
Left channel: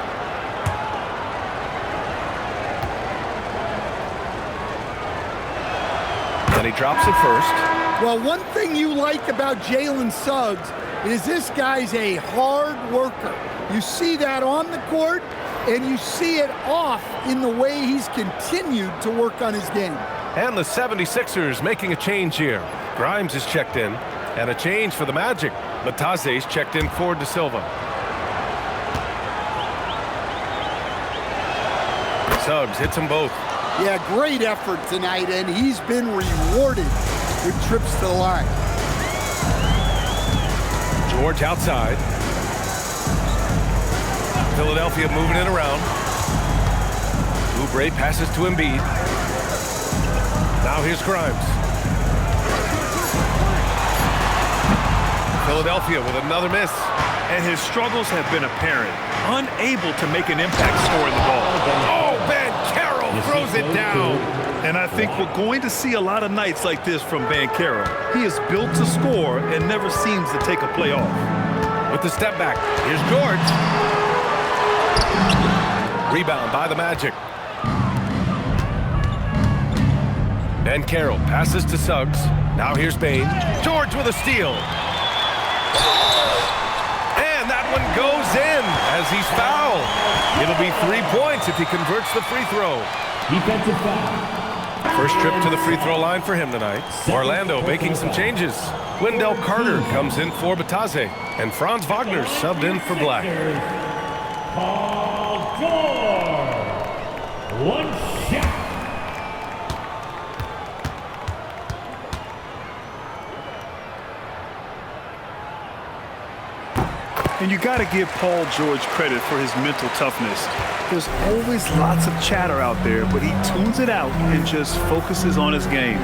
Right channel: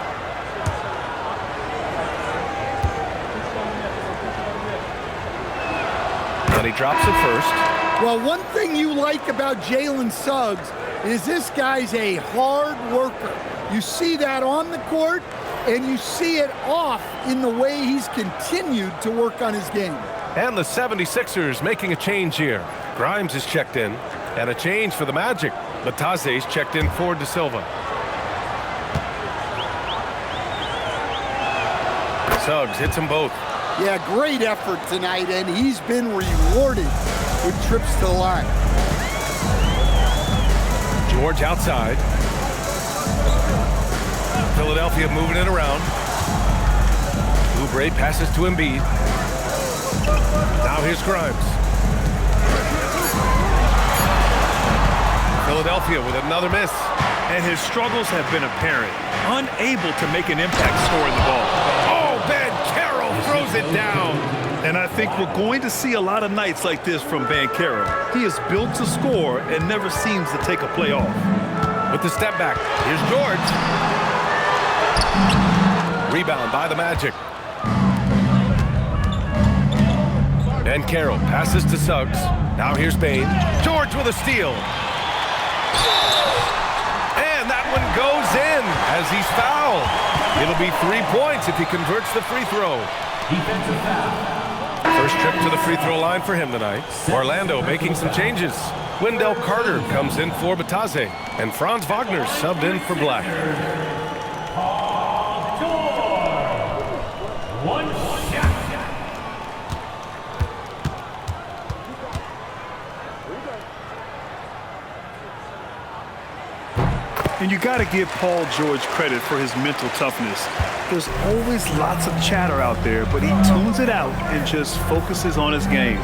And he drops it first. Well, one thing you like about Jalen Suggs is this guy's a hard worker. You see that on the court, and you see it off in the way he's continued to work on his game. And the 76ers making a change here. Grimes is checked in, and a change for the Magic. Bataze's checked in for De Silva. Suggs hits them both. Yeah, great effort tonight, and he's been rewarded with trips to the line. George outside. Philadelphia moving it around. Oubre passes to Embiid. Now here's Grimes. Philadelphia with another miss. And his struggles have been apparent. Unable to make an impact scoring the ball. Oh, Banchero throws it down. And I think we're going to see a lot of nights like this from Banchero. He is built to score and never seems to take a play off. With the step back, here's George. Rebound by the Magic. Banchero passes to Suggs. Now here's Bane. George with a steal. And that one goes in as he's fouled. It'll be 3 points if he converts the free throw. Defensive foul. First trip to the free throw line for him tonight. Orlando making some changes. Wendell Carter comes in for Bataze, and Franz Wagner subbed in for Black. Paul George. One shot. And you got to give Paul George credit for his mental toughness. There's always lots of chatter out there, but he tunes it out and just focuses on his game.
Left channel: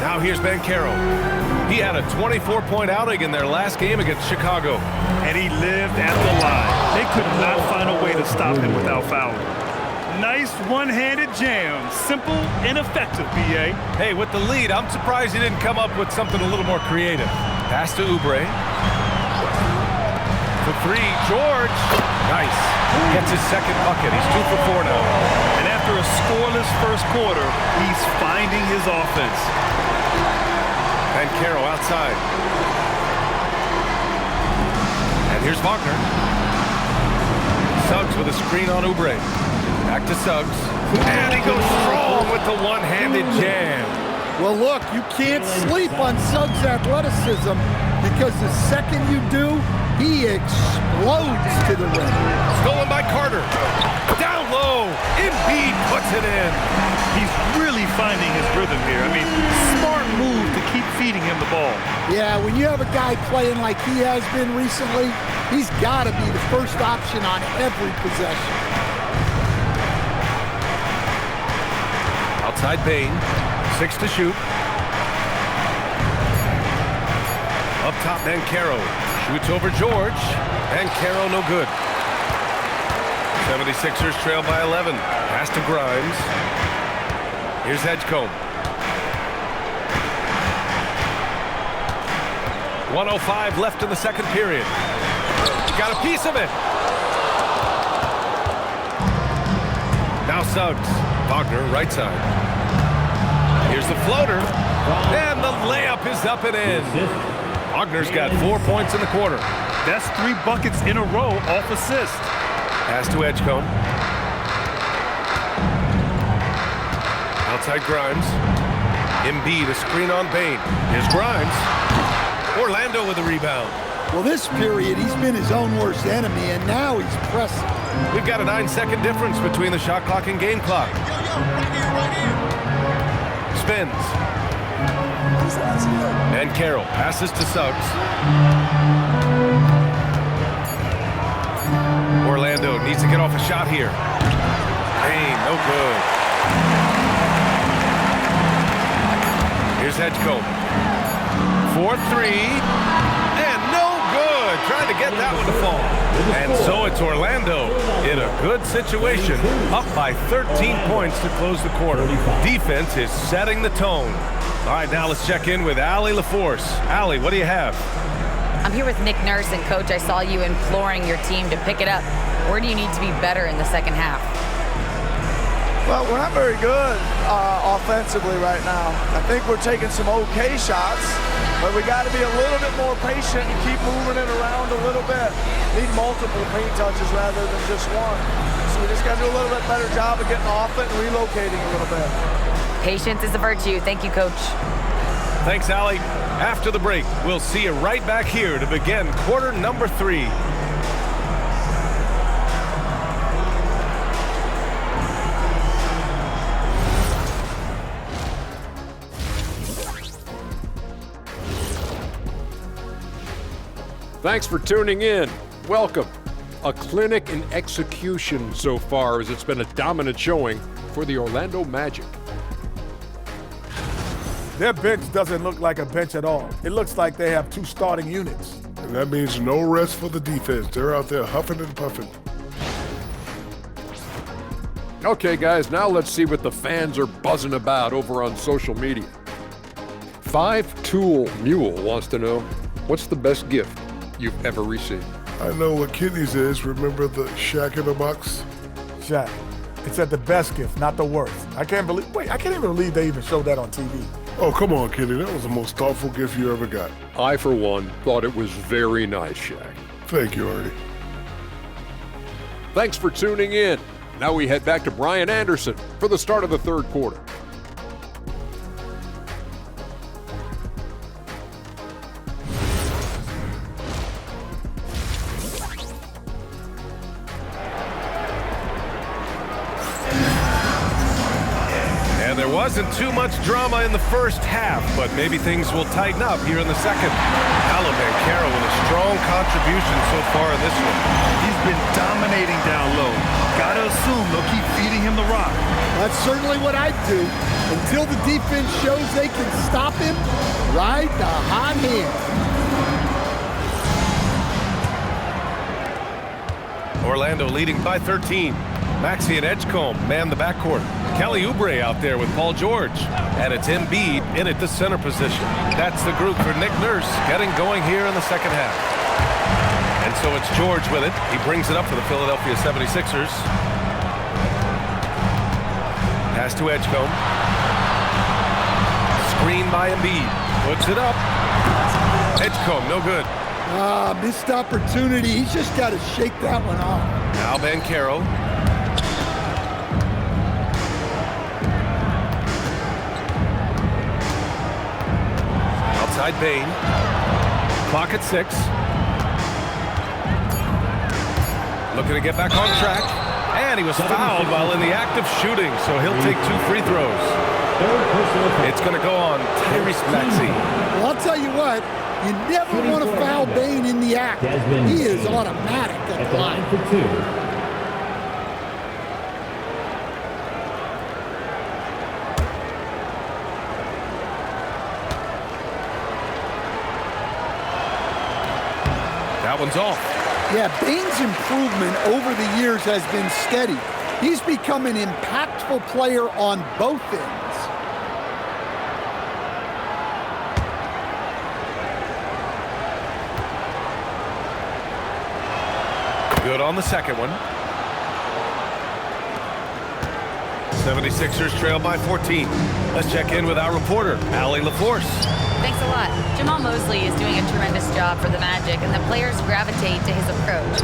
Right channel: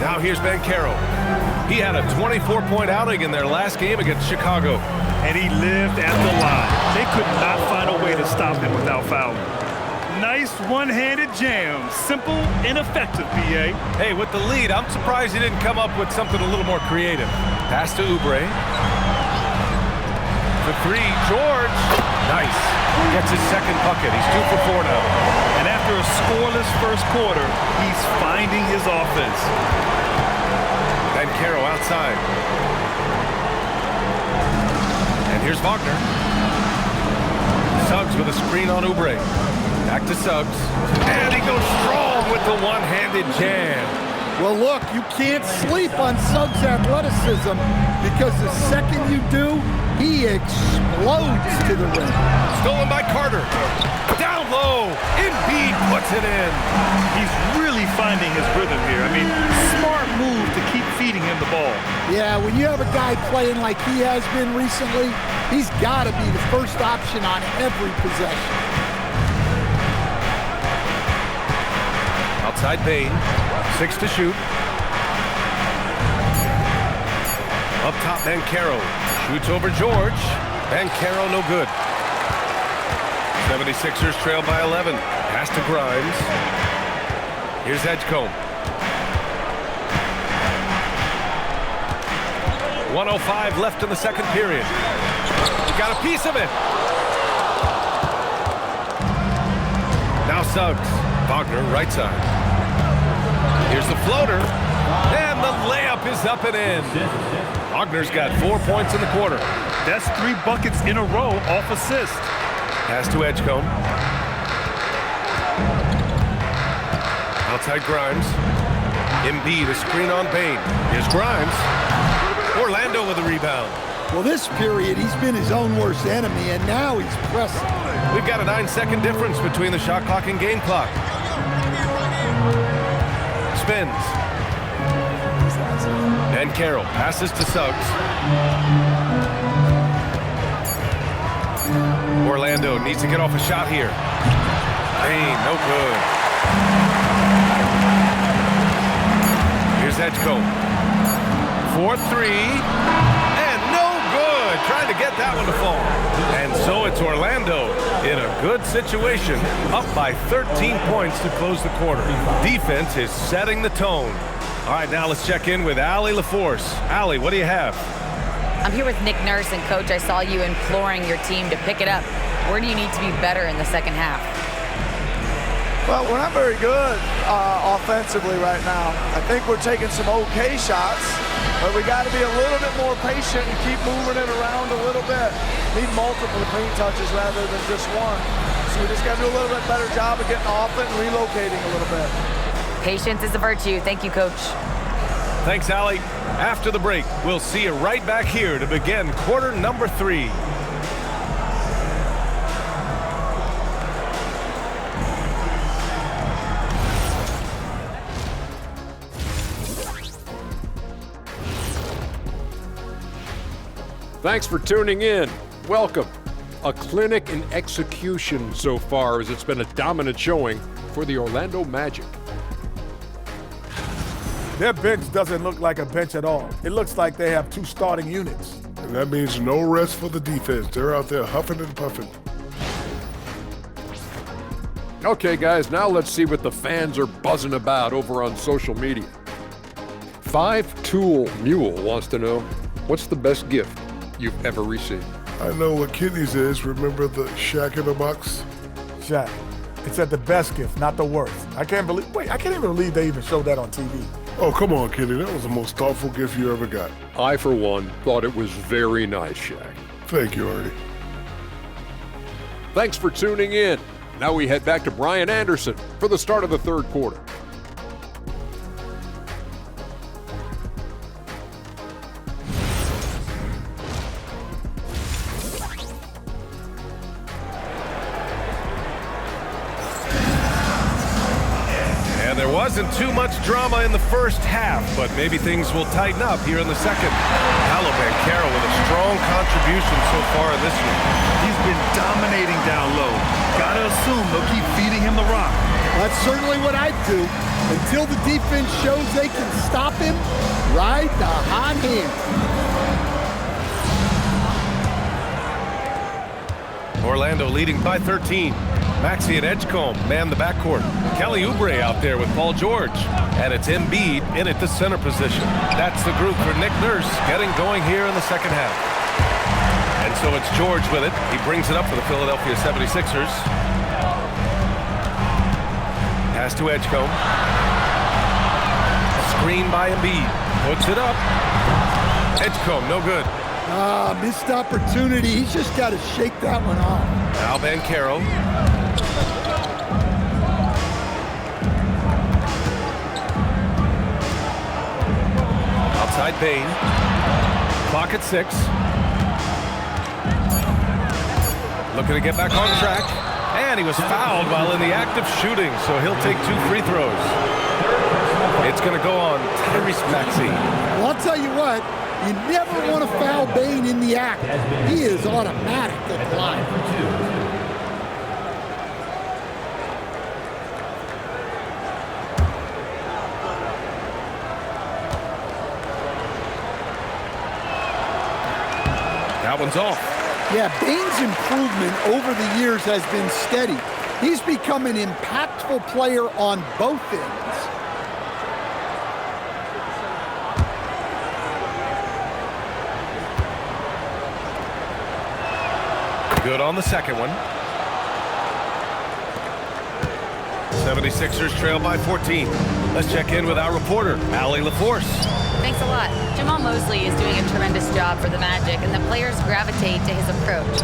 Now here's Banchero. He had a 24-point outing in their last game against Chicago. And he lived at the line. They could not find a way to stop him without fouling. Nice one-handed jam. Simple and effective, B.A. Hey, with the lead, I'm surprised he didn't come up with something a little more creative. Pass to Oubre. for three. George. Nice. Gets his second bucket. He's 2 for 4 now. And after a scoreless first quarter, he's finding his offense. Banchero outside. And here's Wagner. Suggs with a screen on Oubre. Back to Suggs. And he goes strong with the one-handed jam. Well, look, you can't sleep on Suggs' athleticism because the second you do, he explodes to the rim. Stolen by Carter. Down low. Embiid puts it in. He's really finding his rhythm here. I mean, smart move to keep feeding him the ball. Yeah, when you have a guy playing like he has been recently, he's got to be the first option on every possession. Outside Bane. 6 to shoot. Up top, Banchero. Shoots over George. Banchero no good. 76ers trail by 11. Pass to Grimes. Here's Edgecombe. 1:05 left in the second period. Got a piece of it. Now Suggs. Wagner, right side. Here's the floater. And the layup is up and in. Wagner's got 4 points in the quarter. That's 3 buckets in a row off assist. Pass to Edgecombe. Outside Grimes. Embiid, a screen on Bane. Here's Grimes. Orlando with a rebound. Well, this period, he's been his own worst enemy, and now he's pressing. We've got a 9-second difference between the shot clock and game clock. Spins. Banchero passes to Suggs. Orlando needs to get off a shot here. Bane, no good. Here's Edgecombe. 4-3. And no good. Trying to get that one to fall. And so it's Orlando in a good situation, up by 13 points to close the quarter. Defense is setting the tone. All right, now let's check in with Allie LaForce. Allie, what do you have? I'm here with Nick Nurse, and Coach, I saw you imploring your team to pick it up. Where do you need to be better in the second half? Well, we're not very good offensively right now. I think we're taking some okay shots, but we got to be a little bit more patient and keep moving it around a little bit. Need multiple paint touches rather than just one. So we just got to do a little bit better job of getting off it and relocating a little bit. Patience is a virtue. Thank you, Coach. Thanks, Allie. After the break, we'll see you right back here to begin quarter number 3. Thanks for tuning in. Welcome. A clinic in execution so far, as it's been a dominant showing for the Orlando Magic. Their bench doesn't look like a bench at all. It looks like they have 2 starting units. And that means no rest for the defense. They're out there huffing and puffing. Okay, guys, now let's see what the fans are buzzing about over on social media. 5-Tool Mule wants to know, what's the best gift you've ever received? I know what Kenny's is. Remember the Shaq in the box? Shaq. It said the best gift, not the worst. I can't even believe they even showed that on TV. Oh, come on, Kenny. That was the most thoughtful gift you ever got. I, for one, thought it was very nice, Shaq. Thank you, Artie. Thanks for tuning in. Now we head back to Brian Anderson for the start of the third quarter. And there wasn't too much drama in the first half, but maybe things will tighten up here in the second. Paolo Banchero with a strong contribution so far in this one. He's been dominating down low. Gotta assume they'll keep feeding him the rock. That's certainly what I'd do. Until the defense shows they can stop him, ride the hot hand. Orlando leading by 13. Maxey and Edgecombe man the backcourt. Kelly Oubre out there with Paul George. And it's Embiid in at the center position. That's the group for Nick Nurse getting going here in the second half. And so it's George with it. He brings it up for the Philadelphia 76ers. Pass to Edgecombe. Screen by Embiid. Puts it up. Edgecombe, no good. Missed opportunity. He's just got to shake that one off. Now Banchero. Outside Bane. Clock at 6. Looking to get back on track. And he was fouled while in the act of shooting, so he'll take 2 free throws. It's going to go on Tyrese Maxey. Well, I'll tell you what, you never want to foul Bane in the act. He is automatic at the line. For 2. That one's off. Yeah, Bane's improvement over the years has been steady. He's become an impactful player on both ends. Good on the second one. 76ers trail by 14. Let's check in with our reporter, Allie LaForce. Thanks a lot. Jamal Mosley is doing a tremendous job for the Magic, and the players gravitate to his approach.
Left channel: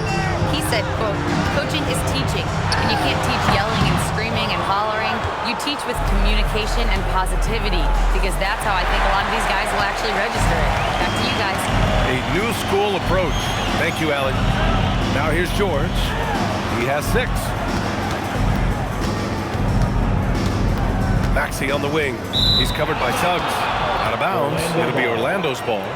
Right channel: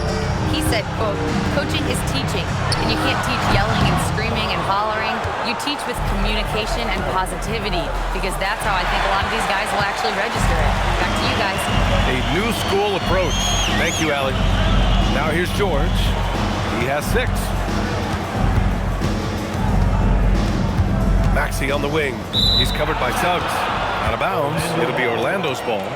He said, quote, "Coaching is teaching, and you can't teach yelling and screaming and hollering. You teach with communication and positivity, because that's how I think a lot of these guys will actually register it." Back to you guys. A new school approach. Thank you, Allie. Now here's George. He has 6. Maxey on the wing. He's covered by Suggs. Out of bounds. It'll be Orlando's ball.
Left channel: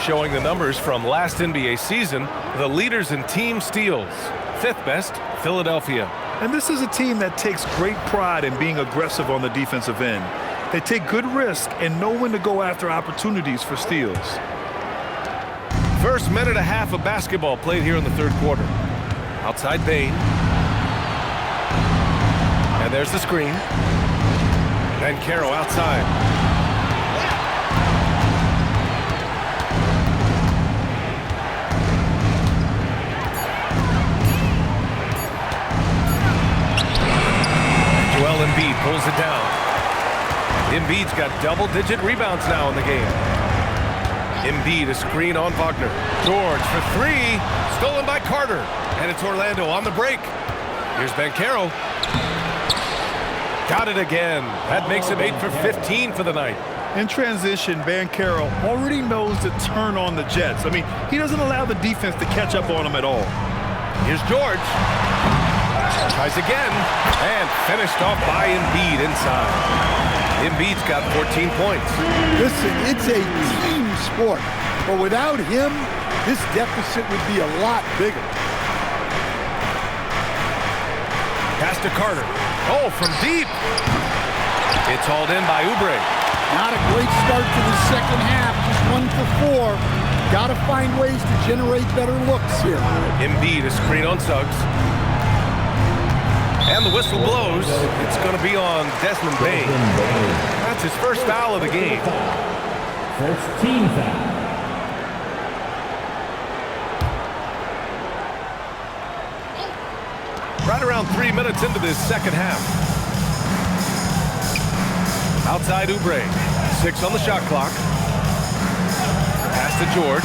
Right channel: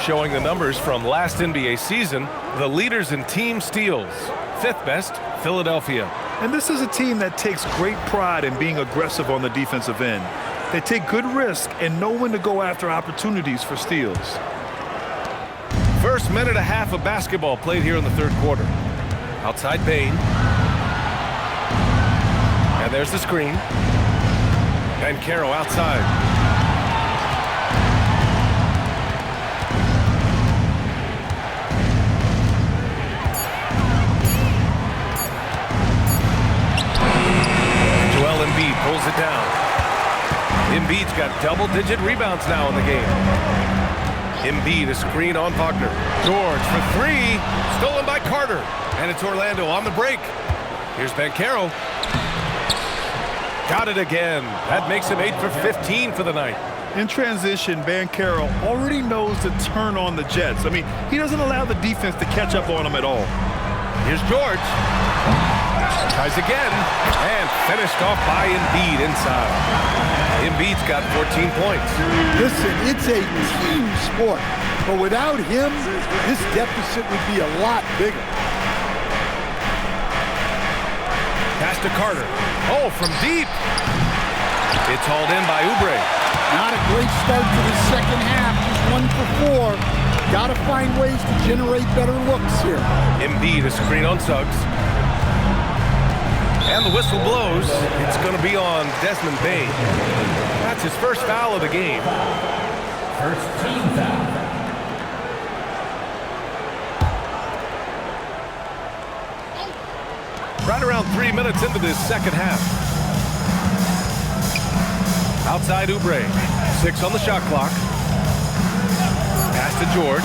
Showing the numbers from last NBA season, the leaders in team steals. 5th best, Philadelphia. And this is a team that takes great pride in being aggressive on the defensive end. They take good risk and know when to go after opportunities for steals. First minute and a half of basketball played here in the 3rd quarter. Outside Bane. And there's the screen. Banchero outside. Joel Embiid pulls it down. Embiid's got double-digit rebounds now in the game. Embiid, a screen on Wagner. George for 3. Stolen by Carter. And it's Orlando on the break. Here's Banchero. Got it again. That makes him 8 for 15 for the night. In transition, Banchero already knows to turn on the Jets. I mean, he doesn't allow the defense to catch up on him at all. Here's George. Tries again. And finished off by Embiid inside. Embiid's got 14 points. Listen, it's a team sport, but without him, this deficit would be a lot bigger. Pass to Carter. Oh, from deep. It's hauled in by Oubre. Not a great start to the second half, just 1 for 4. Got to find ways to generate better looks here. Embiid, a screen on Suggs. And the whistle blows. It's going to be on Desmond Bane. That's his first foul of the game. First team foul. Right around 3 minutes into this second half. Outside Oubre. 6 on the shot clock. Pass to George.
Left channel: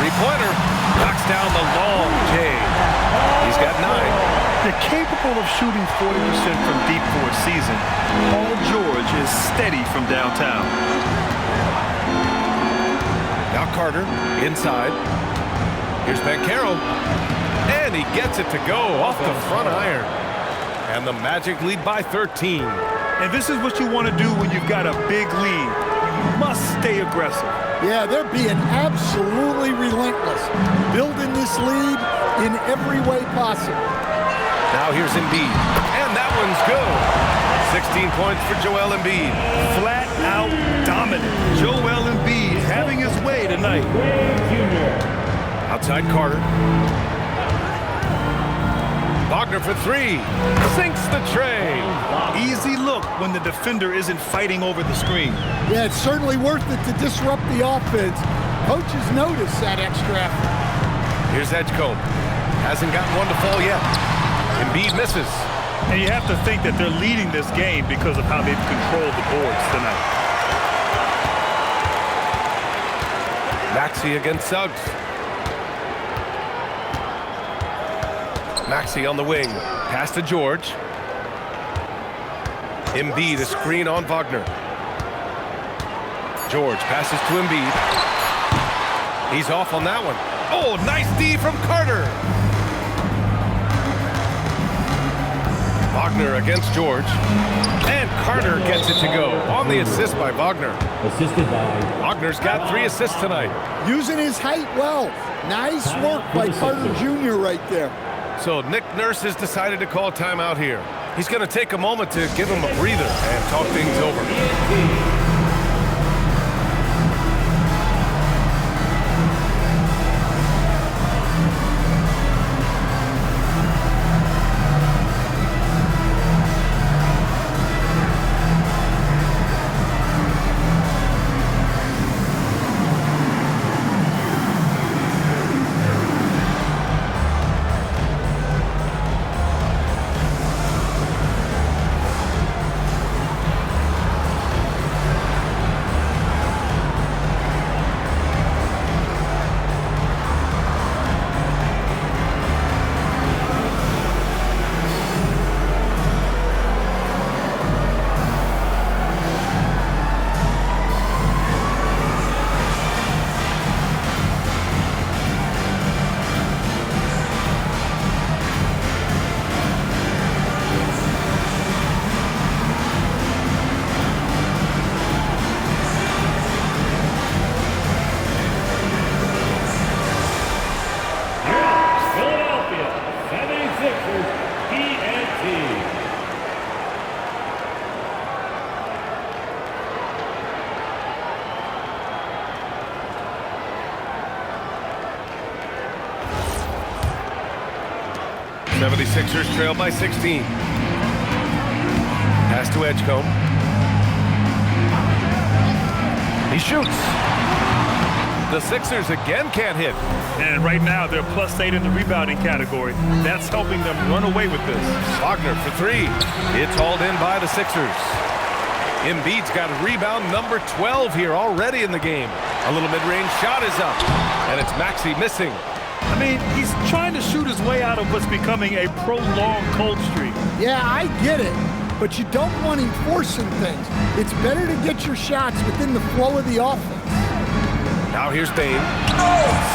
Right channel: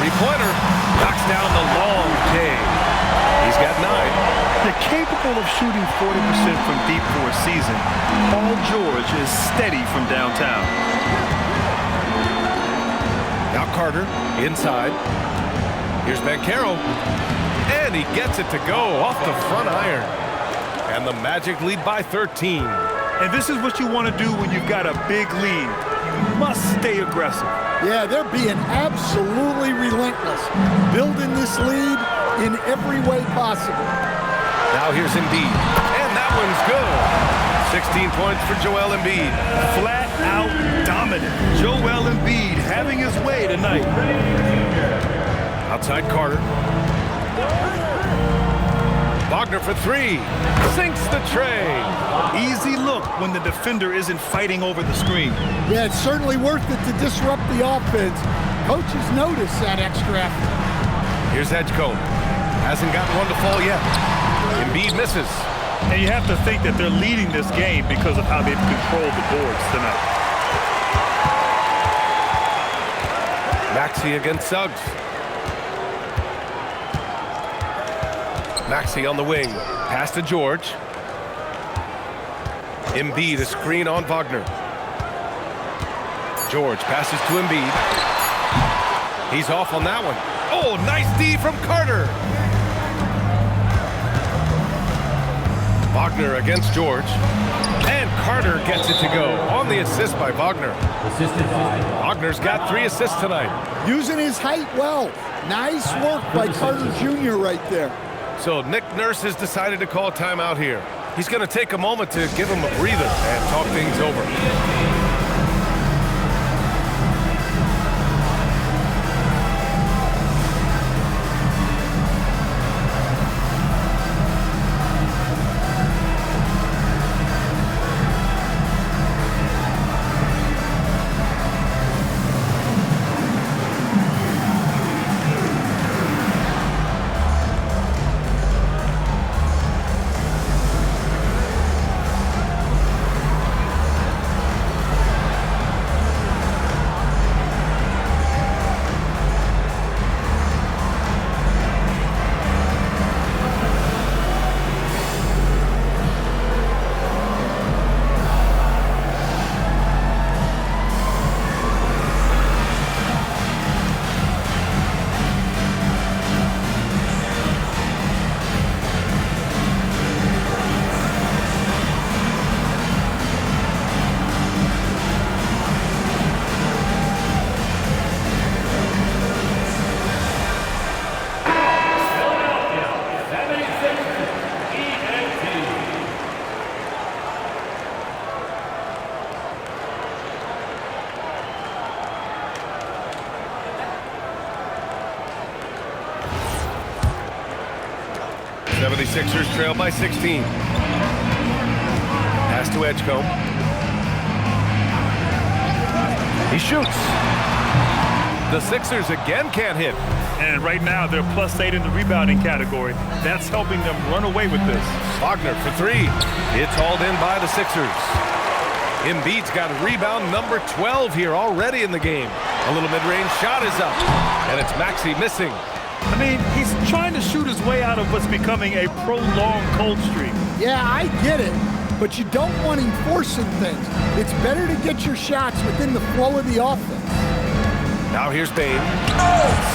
3-pointer. Knocks down the long J. He's got 9. They're capable of shooting 40% from deep for a season. Paul George is steady from downtown. Now Carter inside. Here's Banchero. And he gets it to go off the front iron. And the Magic lead by 13. And this is what you want to do when you've got a big lead. You must stay aggressive. Yeah, they're being absolutely relentless, building this lead in every way possible. Now here's Embiid. And that one's good. 16 points for Joel Embiid. Flat out dominant. Joel Embiid having his way tonight. Outside Carter. Wagner for 3. Sinks the tray. Easy look when the defender isn't fighting over the screen. Yeah, it's certainly worth it to disrupt the offense. Coaches notice that extra effort. Here's Edgecombe. Hasn't gotten one to fall yet. Embiid misses. And you have to think that they're leading this game because of how they've controlled the boards tonight. Maxey against Suggs. Maxey on the wing. Pass to George. Embiid, a screen on Wagner. George passes to Embiid. He's off on that one. Oh, nice D from Carter. Wagner against George. And Carter gets it to go on the assist by Wagner. Assisted by Wagner's got 3 assists tonight. Using his height well. Nice work by Carter Jr. right there. So Nick Nurse has decided to call timeout here. He's going to take a moment to give him a breather and talk things over. The 76ers trail by 16. Pass to Edgecombe. He shoots. The Sixers again can't hit. And right now, they're +8 in the rebounding category. That's helping them run away with this. Wagner for 3. It's hauled in by the Sixers. Embiid's got rebound number 12 here already in the game. A little mid-range shot is up. And it's Maxey missing. I mean, he's trying to shoot his way out of what's becoming a prolonged cold streak. Yeah, I get it, but you don't want him forcing things. It's better to get your shots within the flow of the offense. Now here's Bane.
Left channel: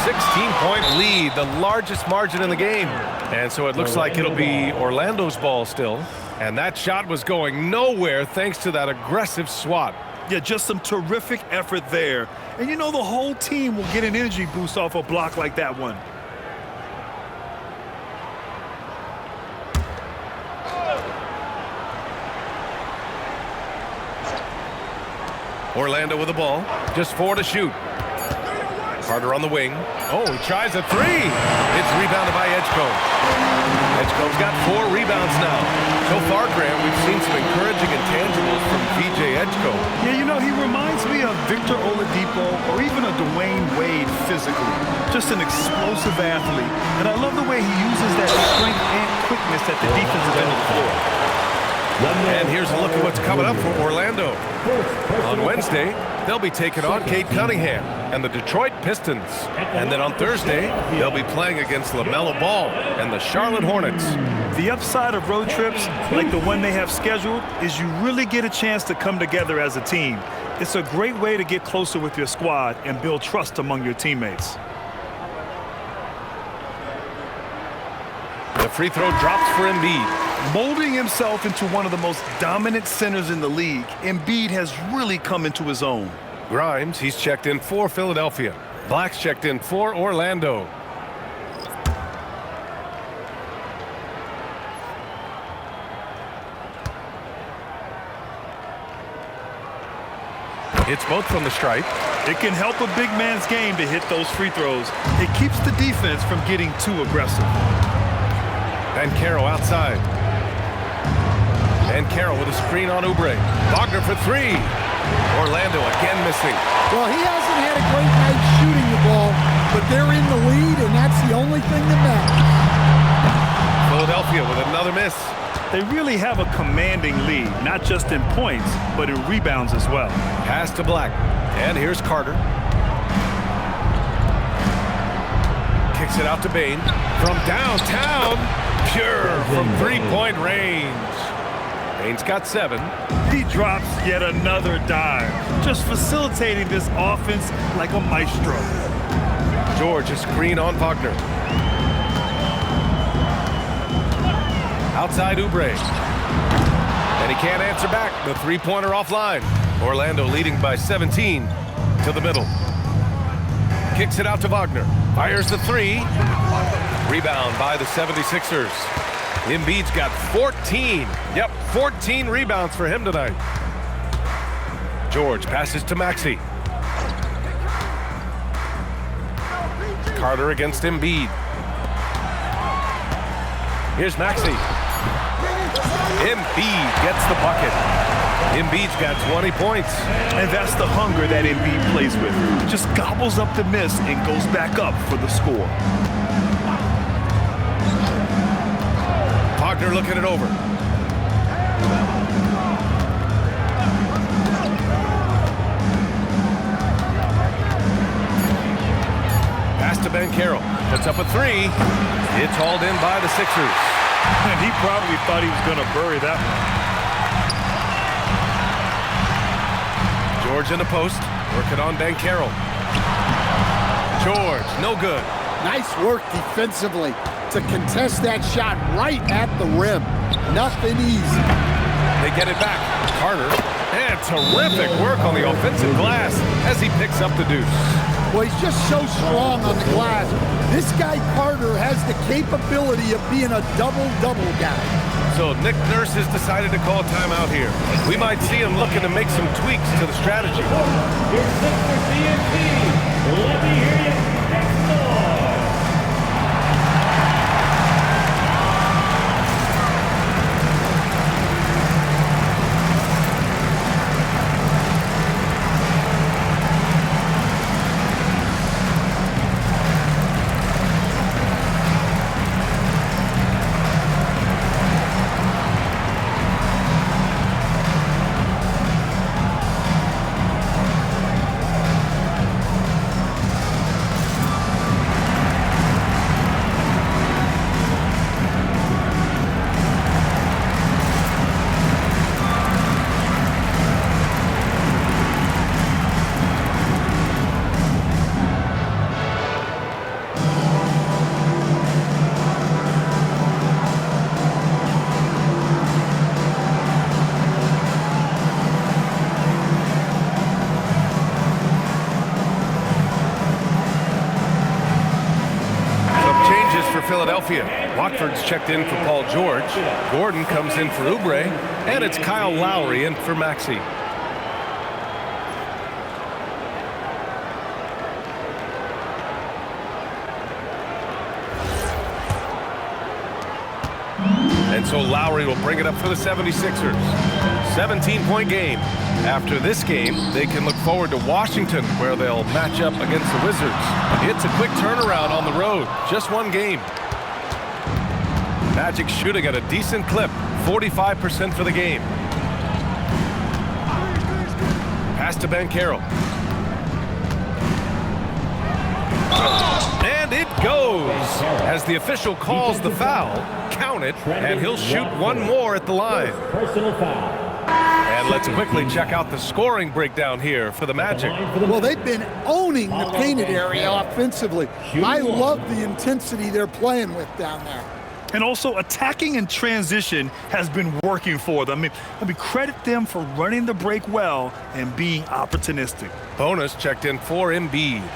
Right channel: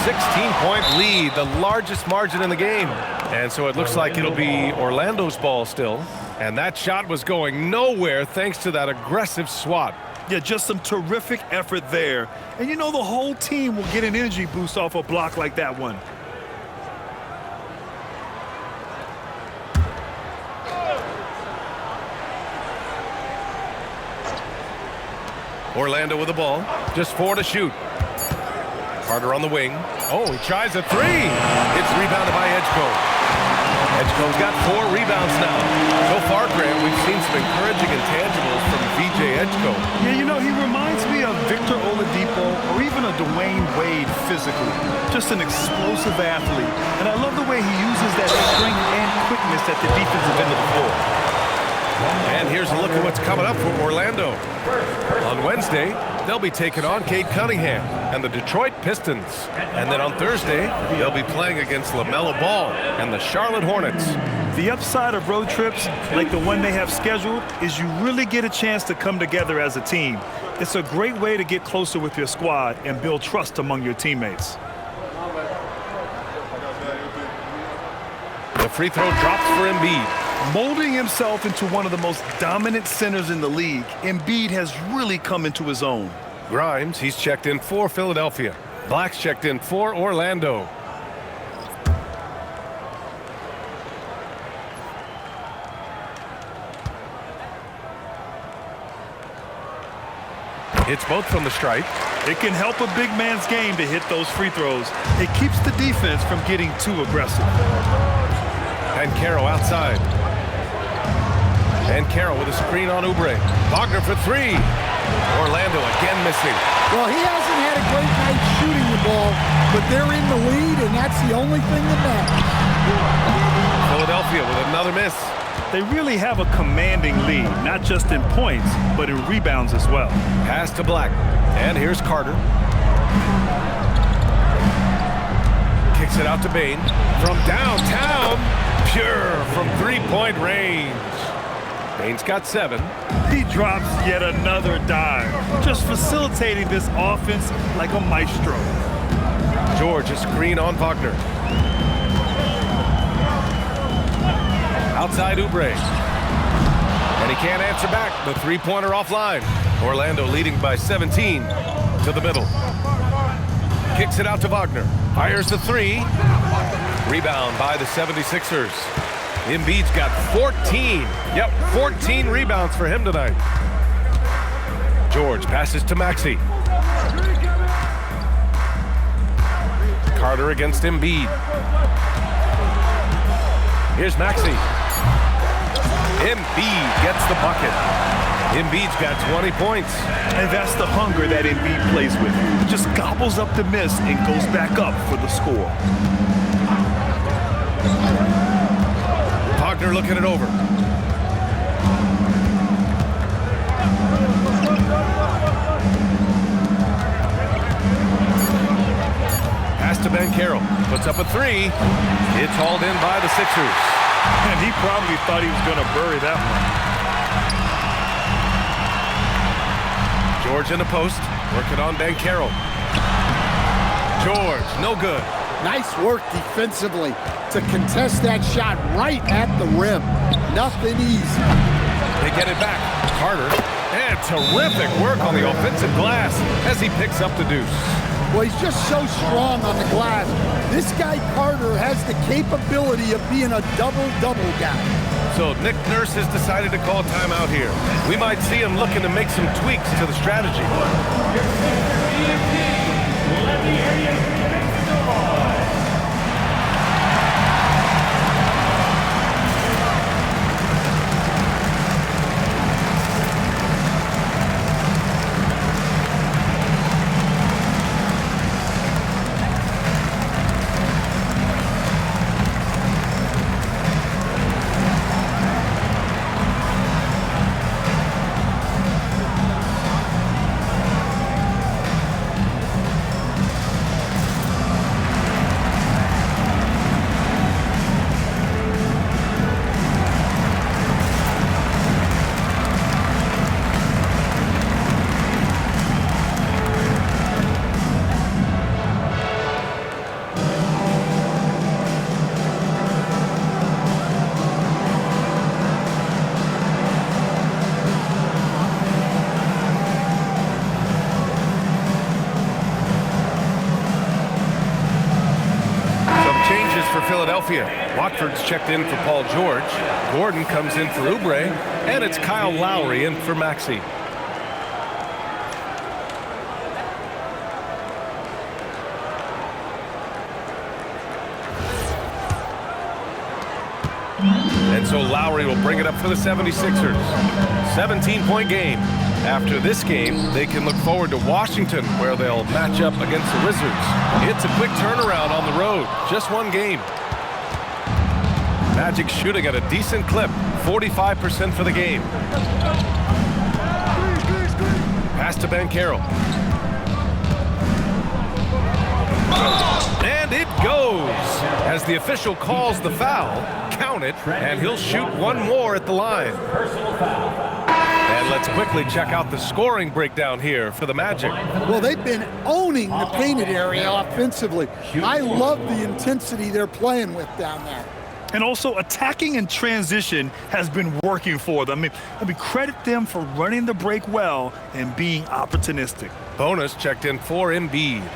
16-point lead, the largest margin in the game. And so it looks like it'll be Orlando's ball still. And that shot was going nowhere thanks to that aggressive swat. Yeah, just some terrific effort there. And you know the whole team will get an energy boost off a block like that one. Orlando with the ball. Just 4 to shoot. Carter on the wing. Oh, he tries a 3. It's rebounded by Edgecombe. Edgecombe's got 4 rebounds now. So far, Graham, we've seen some encouraging intangibles from VJ Edgecombe. Yeah, you know, he reminds me of Victor Oladipo or even a Dwayne Wade physically. Just an explosive athlete. And I love the way he uses that strength and quickness at the defensive end of the floor. And here's a look at what's coming up for Orlando. On Wednesday, they'll be taking on Cade Cunningham and the Detroit Pistons. And then on Thursday, they'll be playing against LaMelo Ball and the Charlotte Hornets. The upside of road trips, like the one they have scheduled, is you really get a chance to come together as a team. It's a great way to get closer with your squad and build trust among your teammates. The free throw drops for Embiid. Molding himself into one of the most dominant centers in the league, Embiid has really come into his own. Grimes, he's checked in for Philadelphia. Black's checked in for Orlando. It's both from the stripe. It can help a big man's game to hit those free throws. It keeps the defense from getting too aggressive. Banchero outside. Banchero with a screen on Oubre. Wagner for 3. Orlando again missing. Well, he hasn't had a great night shooting the ball, but they're in the lead, and that's the only thing that matters. Philadelphia with another miss. They really have a commanding lead, not just in points, but in rebounds as well. Pass to Black. And here's Carter. Kicks it out to Bane. From downtown, pure from three-point range. Bane's got 7. He drops yet another dime, just facilitating this offense like a maestro. George, a screen on Wagner. Outside Oubre. And he can't answer back. The three-pointer offline. Orlando leading by 17 to the middle. Kicks it out to Wagner. Fires the 3. Rebound by the 76ers. Embiid's got 14. Yep, 14 rebounds for him tonight. George passes to Maxey. Carter against Embiid. Here's Maxey. Embiid gets the bucket. Embiid's got 20 points. And that's the hunger that Embiid plays with. He just gobbles up the miss and goes back up for the score. Wagner looking it over. Pass to Banchero. Puts up a 3. It's hauled in by the Sixers. And he probably thought he was going to bury that one. George in the post. Working on Banchero. George, no good. Nice work defensively to contest that shot right at the rim. Nothing easy. They get it back. Carter. And terrific work on the offensive glass as he picks up the deuce. Well, he's just so strong on the glass. This guy Carter has the capability of being a double-double guy. So Nick Nurse has decided to call timeout here. We might see him looking to make some tweaks to the strategy. Your Sixer DNP. Let me hear you make some noise. Changes for Philadelphia. Watford's checked in for Paul George. Gordon comes in for Oubre. And it's Kyle Lowry in for Maxey. And so Lowry will bring it up for the 76ers. 17-point game. After this game, they can look forward to Washington, where they'll match up against the Wizards. It's a quick turnaround on the road. Just one game. Magic shooting at a decent clip. 45% for the game. Pass to Banchero. And it goes. As the official calls the foul, count it, and he'll shoot one more at the line. Personal foul. And let's quickly check out the scoring breakdown here for the Magic. Well, they've been owning the painted area offensively. I love the intensity they're playing with down there. And also attacking in transition has been working for them. I mean, credit them for running the break well and being opportunistic. Bonus checked in for Embiid.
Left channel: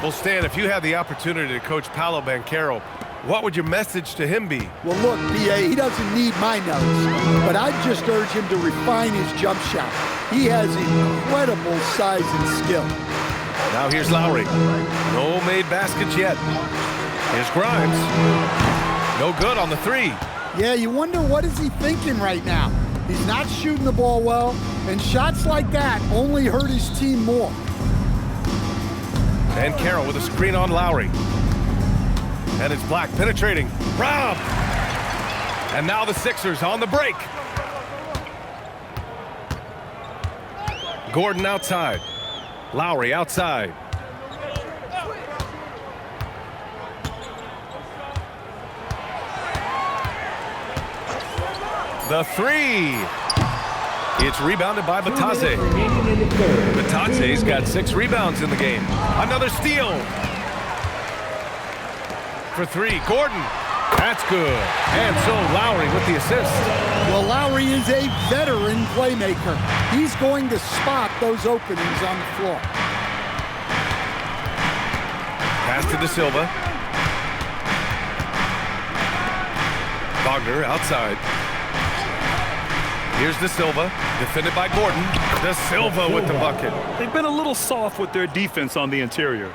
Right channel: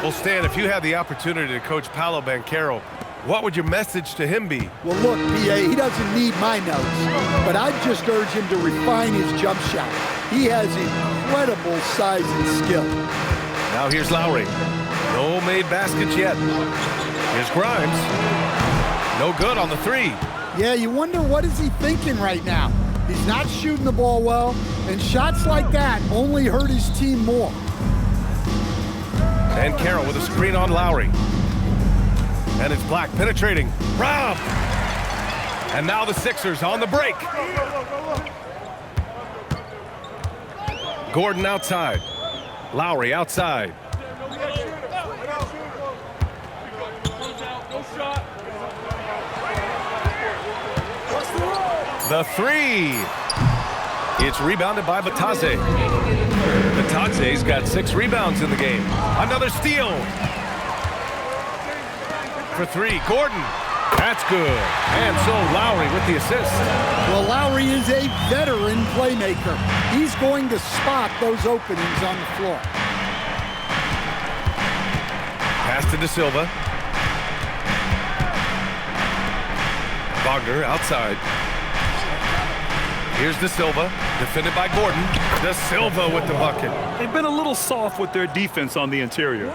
Well, Stan, if you had the opportunity to coach Paolo Banchero, what would your message to him be? Well, look, P.A., he doesn't need my notes, but I'd just urge him to refine his jump shot. He has incredible size and skill. Now here's Lowry. No made baskets yet. Here's Grimes. No good on the 3. Yeah, you wonder what is he thinking right now. He's not shooting the ball well, and shots like that only hurt his team more. Banchero with a screen on Lowry. And it's Black penetrating. Rob! And now the Sixers on the break. Gordon outside. Lowry outside. The three. It's rebounded by Batadze. Batadze's got 6 rebounds in the game. Another steal. For 3, Gordon. That's good. And so Lowry with the assist. Well, Lowry is a veteran playmaker. He's going to spot those openings on the floor. Pass to De Silva. Wagner outside. Here's De Silva, defended by Gordon. De Silva with the bucket. They've been a little soft with their defense on the interior.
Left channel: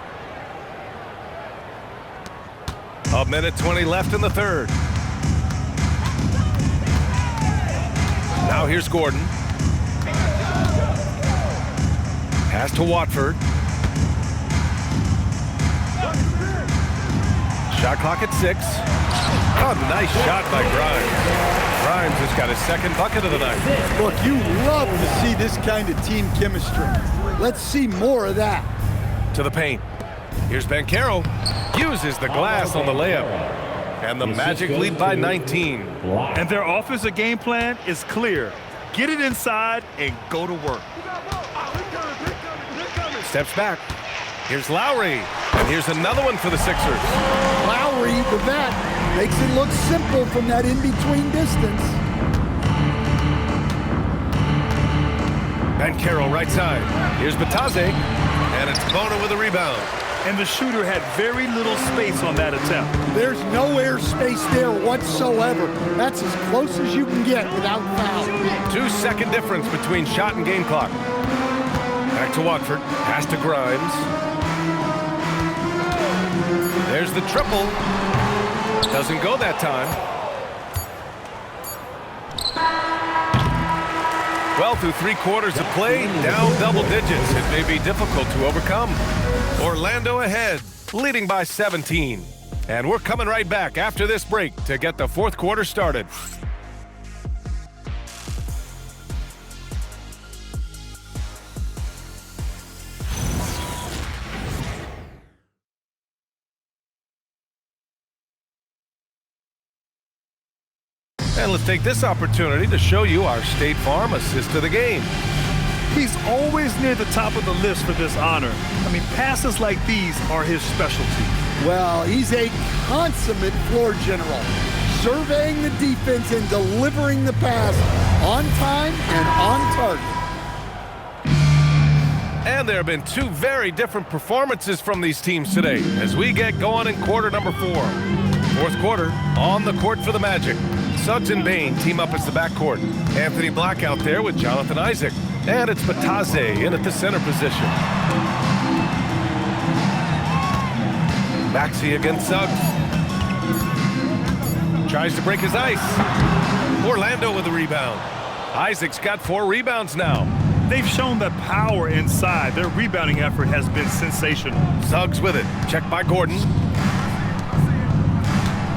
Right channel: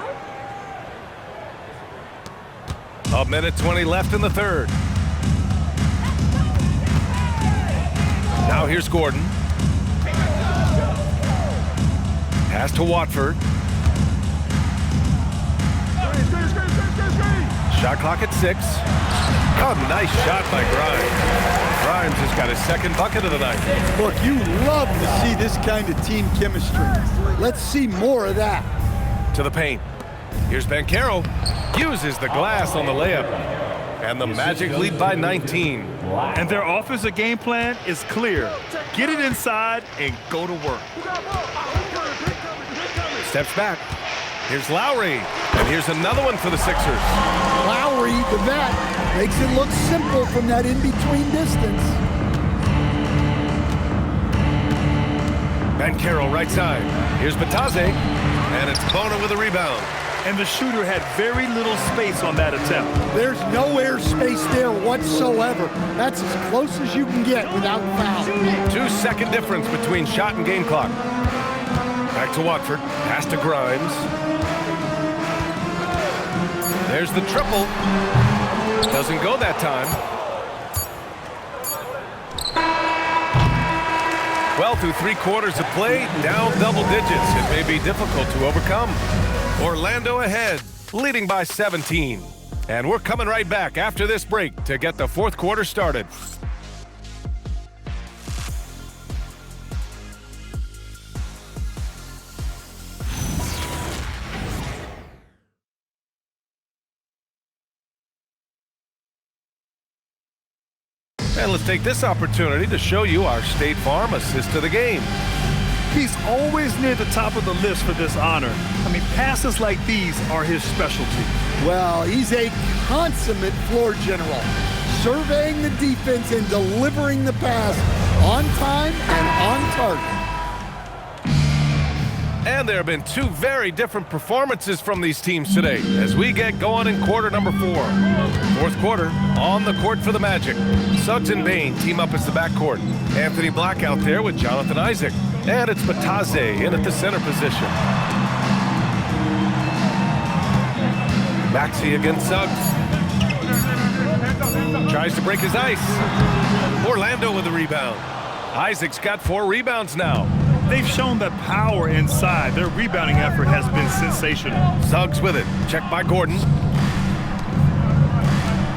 A minute 20 left in the third. Now here's Gordon. Pass to Watford. Shot clock at 6. Oh, nice shot by Grimes. Grimes has got his second bucket of the night. Look, you love to see this kind of team chemistry. Let's see more of that. To the paint. Here's Banchero. Uses the glass on the layup. And the Magic lead by 19. And their offensive game plan is clear. Get it inside and go to work. Steps back. Here's Lowry. And here's another one for the Sixers. Lowry, the vet, makes it look simple from that in-between distance. Banchero right side. Here's Batadze. And it's Bona with a rebound. And the shooter had very little space on that attempt. There's no air space there whatsoever. That's as close as you can get without foul. 2-second difference between shot and game clock. Back to Watford. Pass to Grimes. There's the triple. Doesn't go that time. Well, through 3 quarters of play, down double digits. It may be difficult to overcome. Orlando ahead, leading by 17. And we're coming right back after this break to get the 4th quarter started. And let's take this opportunity to show you our State Farm assist of the game. He's always near the top of the list for this honor. I mean, passes like these are his specialty. Well, he's a consummate floor general, surveying the defense and delivering the pass on time and on target. And there have been 2 very different performances from these teams today as we get going in quarter number 4. 4th quarter, on the court for the Magic. Suggs and Bane team up as the backcourt. Anthony Black out there with Jonathan Isaac. And it's Batadze in at the center position. Maxey against Suggs. Tries to break his ice. Orlando with the rebound. Isaac's got 4 rebounds now. They've shown that power inside. Their rebounding effort has been sensational. Suggs with it. Checked by Gordon.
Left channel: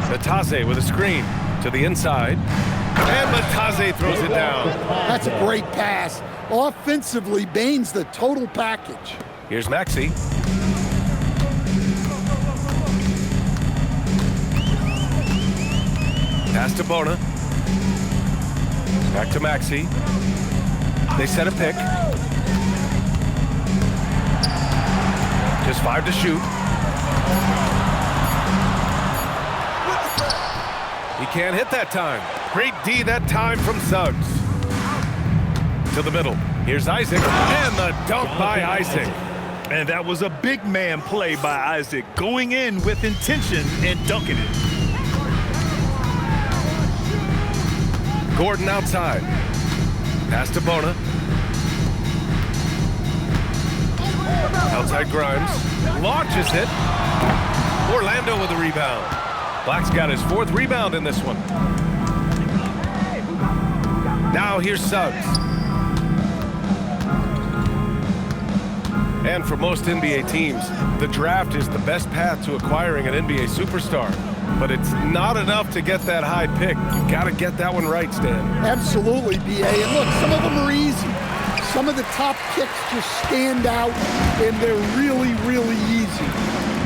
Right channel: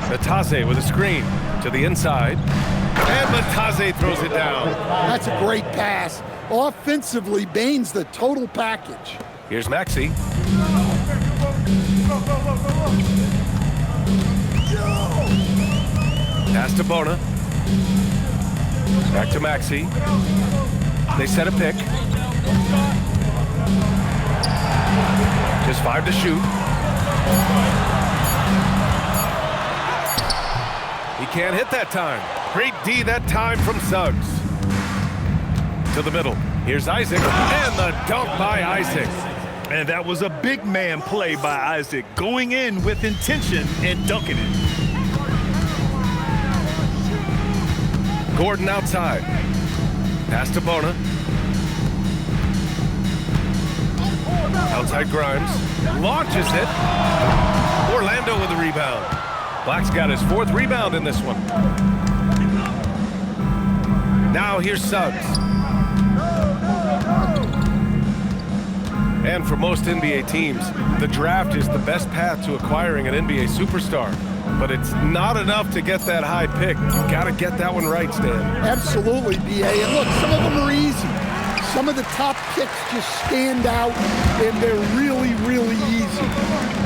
Batadze with a screen to the inside. And Batadze throws it down. That's a great pass. Offensively, Bane's the total package. Here's Maxey. Pass to Bona. Back to Maxey. They set a pick. Just 5 to shoot. He can't hit that time. Great D that time from Suggs. To the middle. Here's Isaac. And the dunk by Isaac. And that was a big man play by Isaac, going in with intention and dunking it. Gordon outside. Pass to Bona. Outside Grimes. Launches it. Orlando with the rebound. Black's got his 4th rebound in this one. Now here's Suggs. And for most NBA teams, the draft is the best path to acquiring an NBA superstar. But it's not enough to get that high pick. You've got to get that one right, Stan. Absolutely, BA. And look, some of them are easy. Some of the top picks just stand out, and they're really, really easy.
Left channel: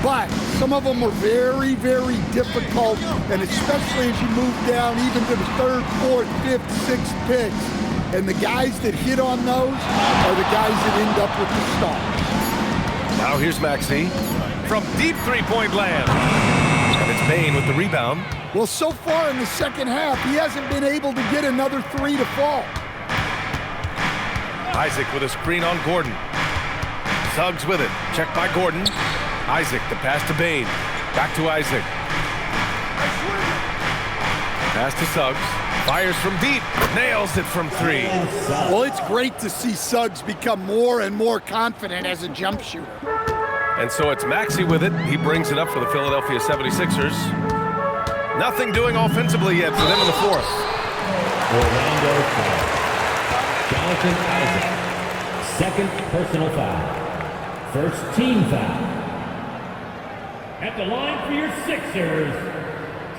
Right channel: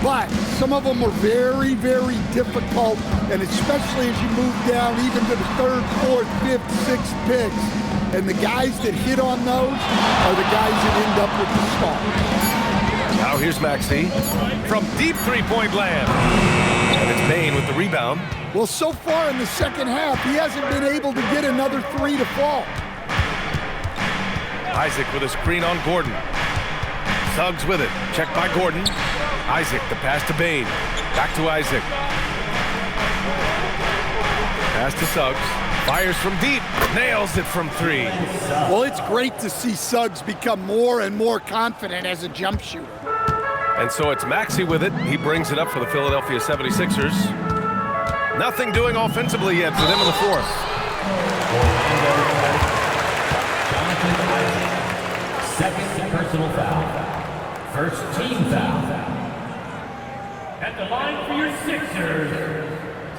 But some of them are very, very difficult, and especially as you move down even to the 3rd, 4th, 5th, 6th picks. And the guys that hit on those are the guys that end up with the stars. Now here's Maxey from deep three-point land. And it's Bane with the rebound. Well, so far in the second half, he hasn't been able to get another 3 to fall. Isaac with a screen on Gordon. Suggs with it. Checked by Gordon. Isaac, the pass to Bane. Back to Isaac. Pass to Suggs. Fires from deep. Nails it from 3. Well, it's great to see Suggs become more and more confident as a jump shooter. And so it's Maxey with it. He brings it up for the Philadelphia 76ers. Nothing doing offensively yet for them in the 4th. Orlando foul. Jonathan Isaac, 2nd personal foul. 1st team foul. At the line for your Sixers,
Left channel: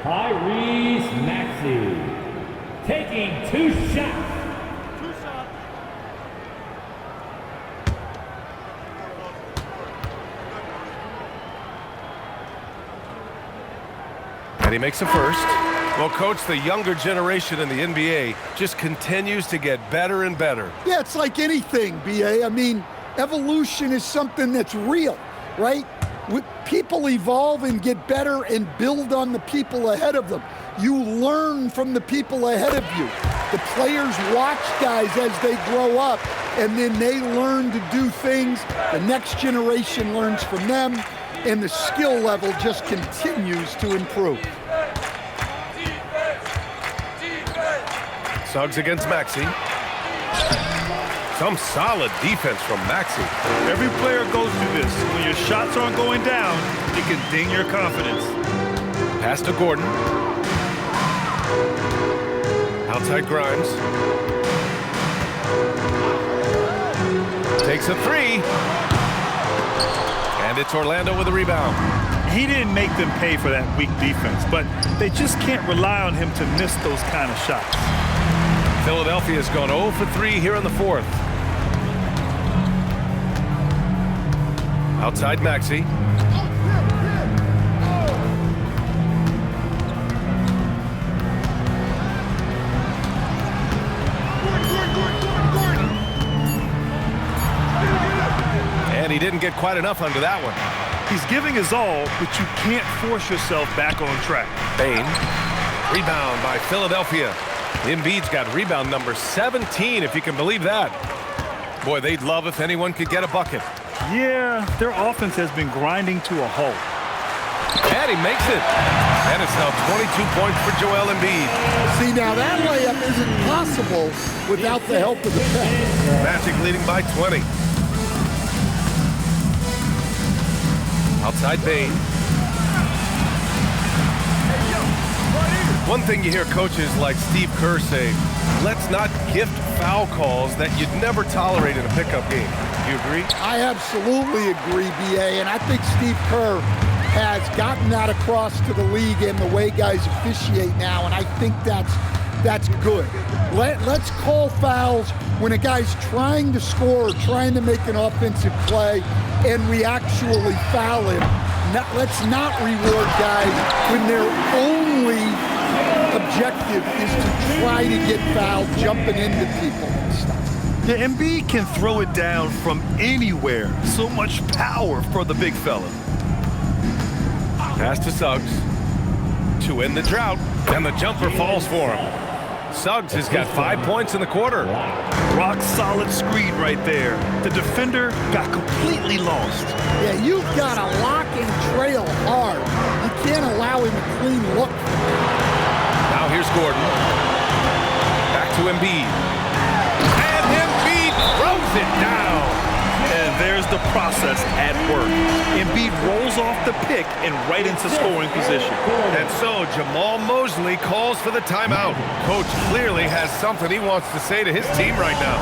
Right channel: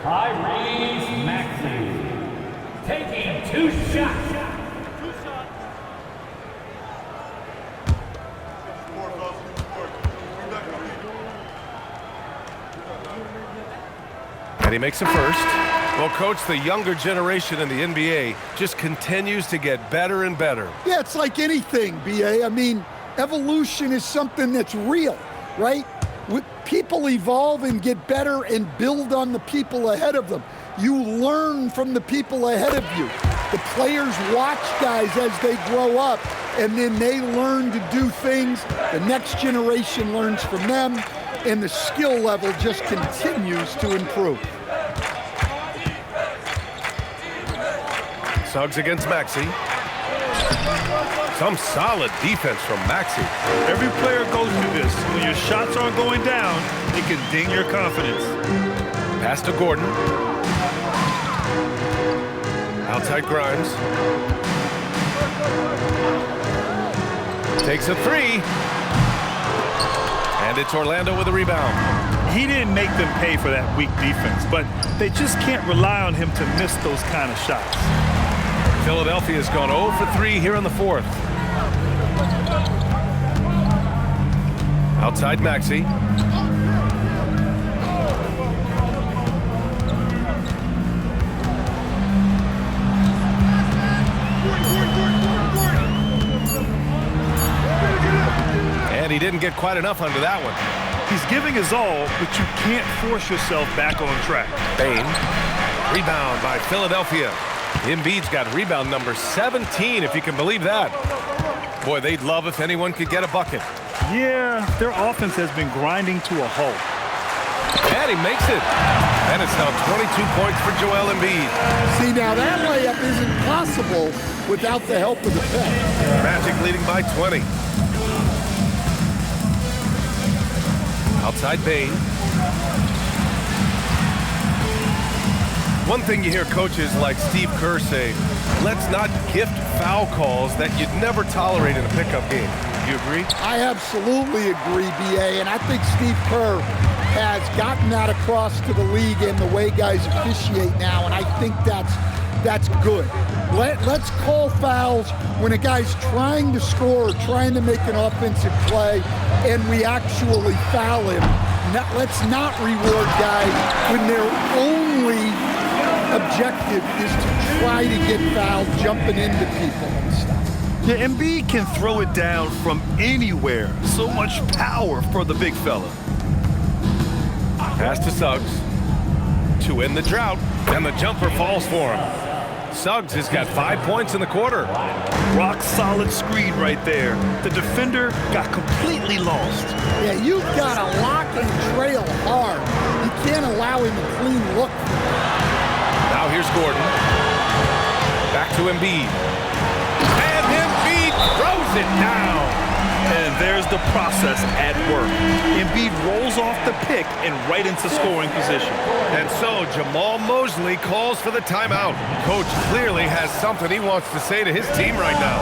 Tyrese Maxey. Taking 2 shots. And he makes a first. Well, Coach, the younger generation in the NBA just continues to get better and better. Yeah, it's like anything, BA. I mean, evolution is something that's real, right? People evolve and get better and build on the people ahead of them. You learn from the people ahead of you. The players watch guys as they grow up, and then they learn to do things. The next generation learns from them, and the skill level just continues to improve. Suggs against Maxey. Some solid defense from Maxey. Every player goes through this. When your shots aren't going down, it can ding your confidence. Pass to Gordon. Outside Grimes. Takes a 3. And it's Orlando with a rebound. He didn't make them pay for that weak defense, but they just can't rely on him to miss those kind of shots. Philadelphia's gone 0 for 3 here in the 4th. Outside Maxey. And he didn't get quite enough under that one. He's giving his all, but you can't force yourself back on track. Bane. Rebound by Philadelphia. Embiid's got rebound number 17, if you can believe that. Boy, they'd love if anyone could get a bucket. Yeah, their offense has been grinding to a halt. And he makes it. And it's now 22 points for Joel Embiid. See, now that layup isn't possible without the help of the pick. Magic leading by 20. Outside Bane. One thing you hear coaches like Steve Kerr say, let's not gift foul calls that you'd never tolerate in a pickup game. Do you agree? I absolutely agree, BA, and I think Steve Kerr has gotten that across to the league and the way guys officiate now, and I think that's good. Let's call fouls when a guy's trying to score or trying to make an offensive play and we actually foul him. Let's not reward guys when their only objective is to try to get fouled, jumping into people and stuff. Yeah, Embiid can throw it down from anywhere. So much power for the big fella. Pass to Suggs to end the drought, and the jumper falls for him. Suggs has got 5 points in the quarter. Rock solid screen right there. The defender got completely lost. Yeah, you've got to lock and trail hard. You can't allow him a clean look from there. Now here's Gordon. Back to Embiid. And Embiid throws it down. And there's the process at work. Embiid rolls off the pick and right into scoring position. And so Jamal Mosley calls for the timeout. Coach clearly has something he wants to say to his team right now.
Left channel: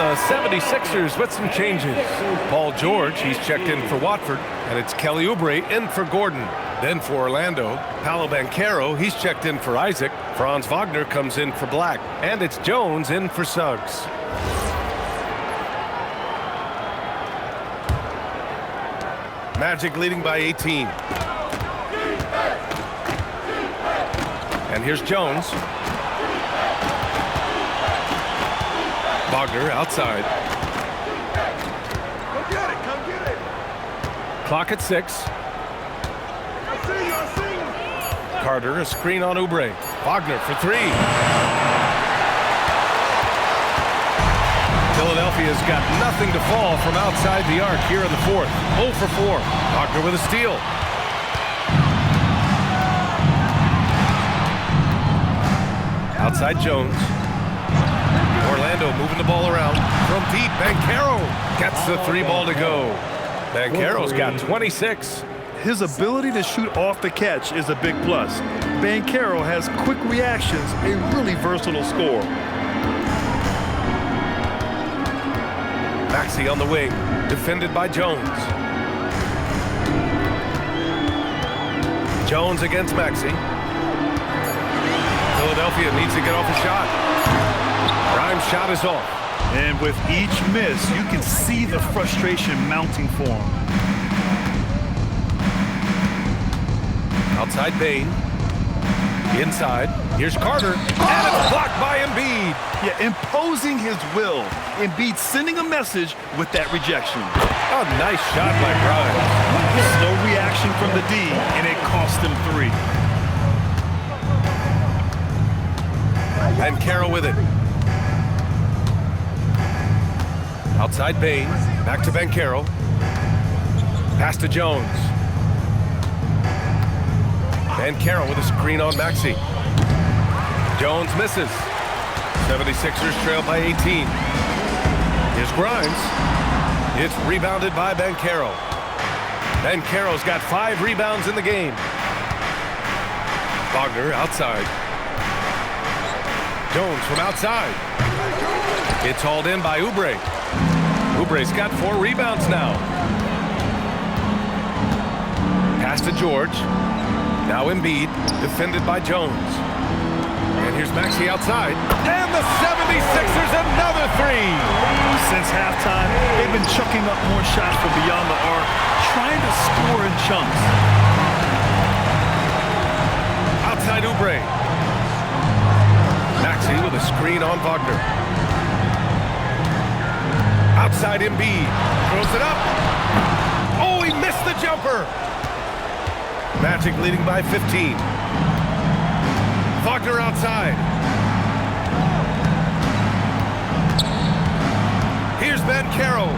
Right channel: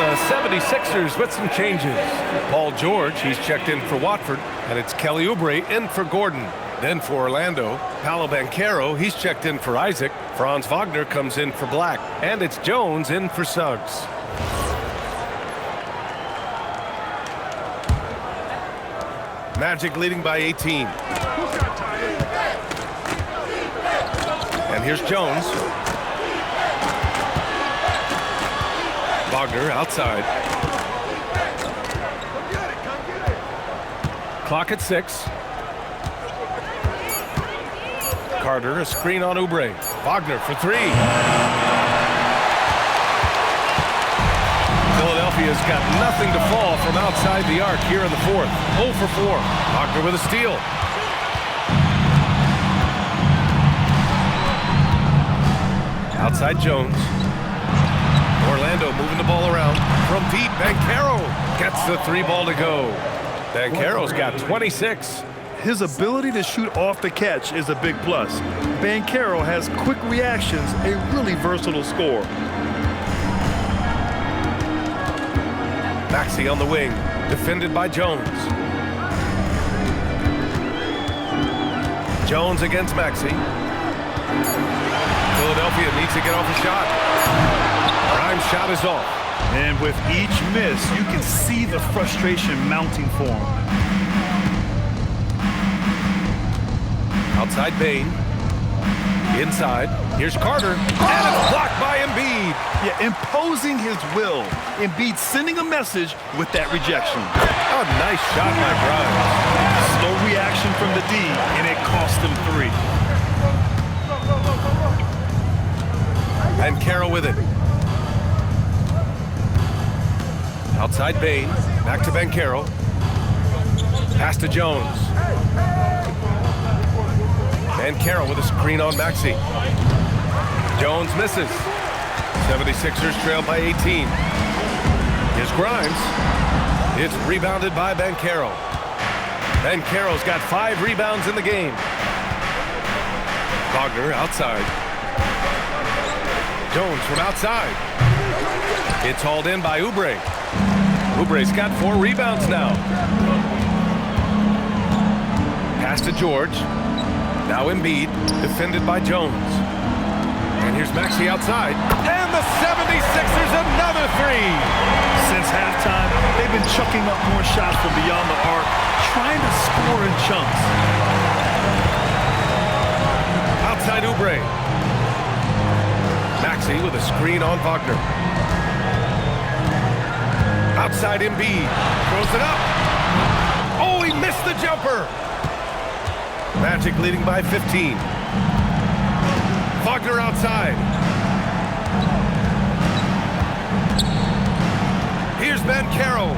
The 76ers with some changes. Paul George, he's checked in for Watford, and it's Kelly Oubre in for Gordon. Then for Orlando, Paolo Banchero, he's checked in for Isaac. Franz Wagner comes in for Black, and it's Jones in for Suggs. Magic leading by 18. And here's Jones. Wagner outside. Come get it, come get it. Clock at 6. Carter, a screen on Oubre. Wagner for 3. Philadelphia's got nothing to fall from outside the arc here in the fourth. 0 for 4. Wagner with a steal. Outside Jones. Orlando moving the ball around. From deep, Banchero gets the 3 ball to go. Banchero's got 26. His ability to shoot off the catch is a big plus. Banchero has quick reactions, a really versatile scorer. Maxey on the wing, defended by Jones. Jones against Maxey. Philadelphia needs to get off a shot. Grimes' shot is off. And with each miss, you can see the frustration mounting for him. Outside Bane. Inside. Here's Carter. And it's blocked by Embiid. Yeah, imposing his will. Embiid sending a message with that rejection. A nice shot by Grimes. Slow reaction from the D, and it cost him 3. And Carroll with it. Outside Bane. Back to Banchero. Pass to Jones. Banchero with a screen on Maxey. Jones misses. 76ers trail by 18. Here's Grimes. It's rebounded by Banchero. Banchero's got 5 rebounds in the game. Wagner outside. Jones from outside. It's hauled in by Oubre. Oubre's got 4 rebounds now. Pass to George. Now Embiid, defended by Jones. And here's Maxey outside. And the 76ers another 3. Since halftime, they've been chucking up more shots from beyond the arc, trying to score in chunks. Outside Oubre. Maxey with a screen on Wagner. Outside Embiid. Throws it up. Oh, he missed the jumper. Magic leading by 15. Wagner outside. Here's Banchero.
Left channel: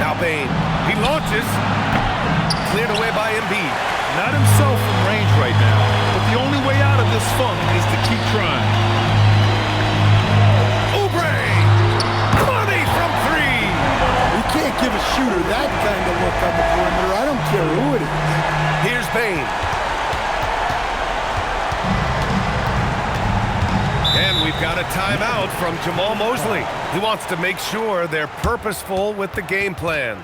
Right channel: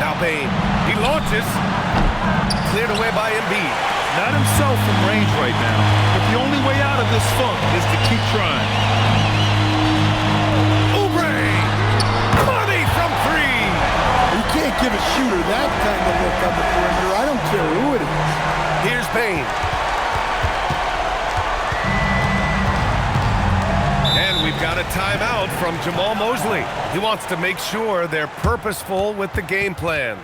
Now Bane. He launches. Cleared away by Embiid. Not himself from range right now, but the only way out of this funk is to keep trying. Oubre! Money from 3! You can't give a shooter that kind of look on the perimeter. I don't care who it is. Here's Bane. And we've got a timeout from Jamahl Mosley. He wants to make sure they're purposeful with the game plan.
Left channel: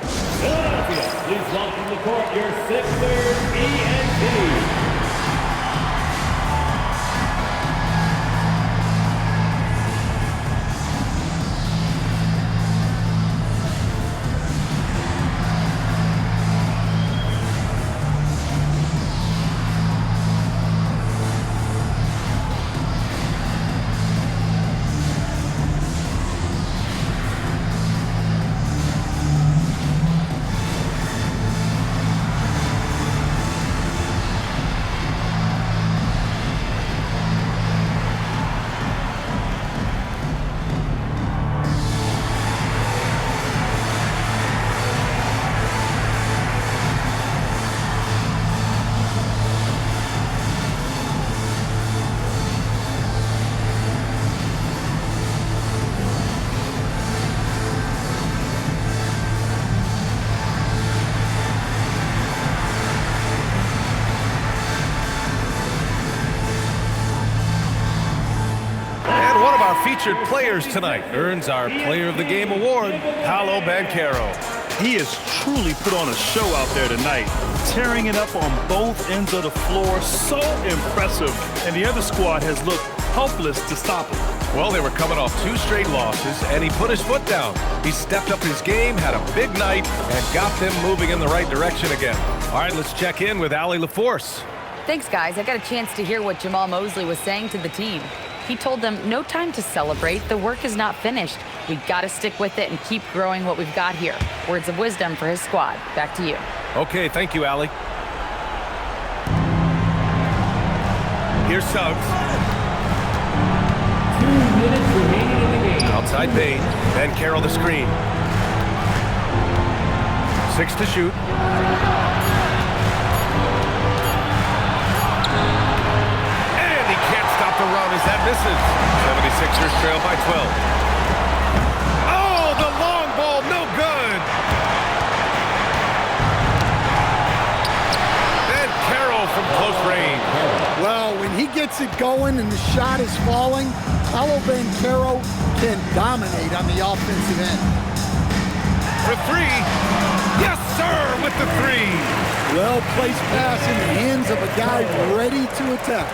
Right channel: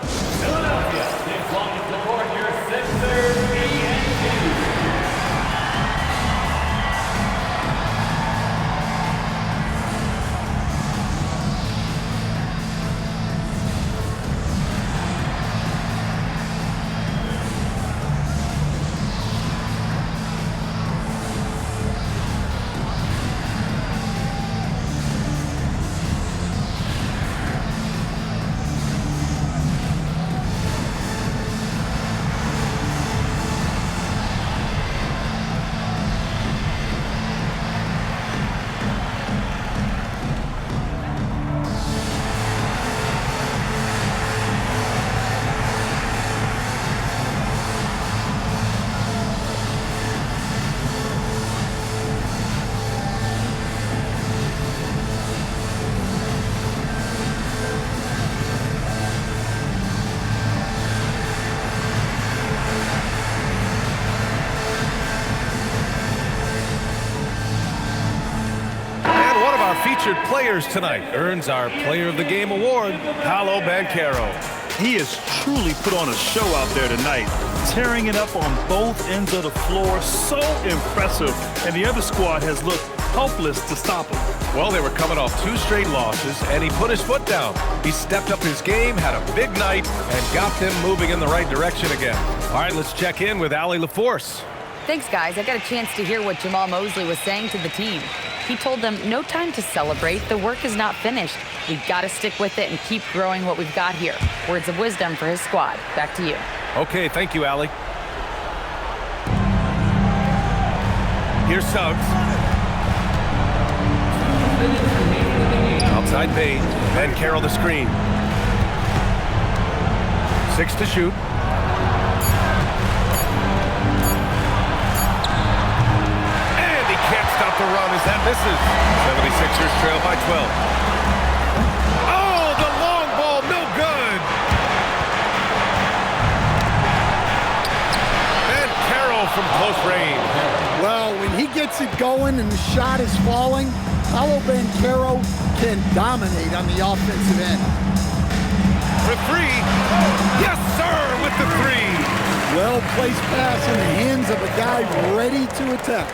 Philadelphia, please welcome to the court your Sixers ENT. One of our featured players tonight earns our Player of the Game award, Paolo Banchero. He has truly put on a show out there tonight, tearing it up on both ends of the floor. So impressive, and the other squad has looked helpless to stop him. Well, they were coming off 2 straight losses, and he put his foot down. He stepped up his game, had a big night, and got them moving in the right direction again. All right, let's check in with Allie LaForce. Thanks, guys. I got a chance to hear what Jamahl Mosley was saying to the team. He told them, no time to celebrate. The work is not finished. We got to stick with it and keep growing what we've got here. Words of wisdom for his squad. Back to you. Okay, thank you, Allie. Here's Suggs. 2 minutes remaining in the game. Outside Bane. Banchero the screen. 6 to shoot. And he can't stop the run as that misses. 76ers trail by 12. Oh, the long ball, no good. Banchero from close range. Well, when he gets it going and the shot is falling, Paolo Banchero can dominate on the offensive end. For 3. Yes, sir, with the 3. Well-placed pass in the hands of a guy ready to attack.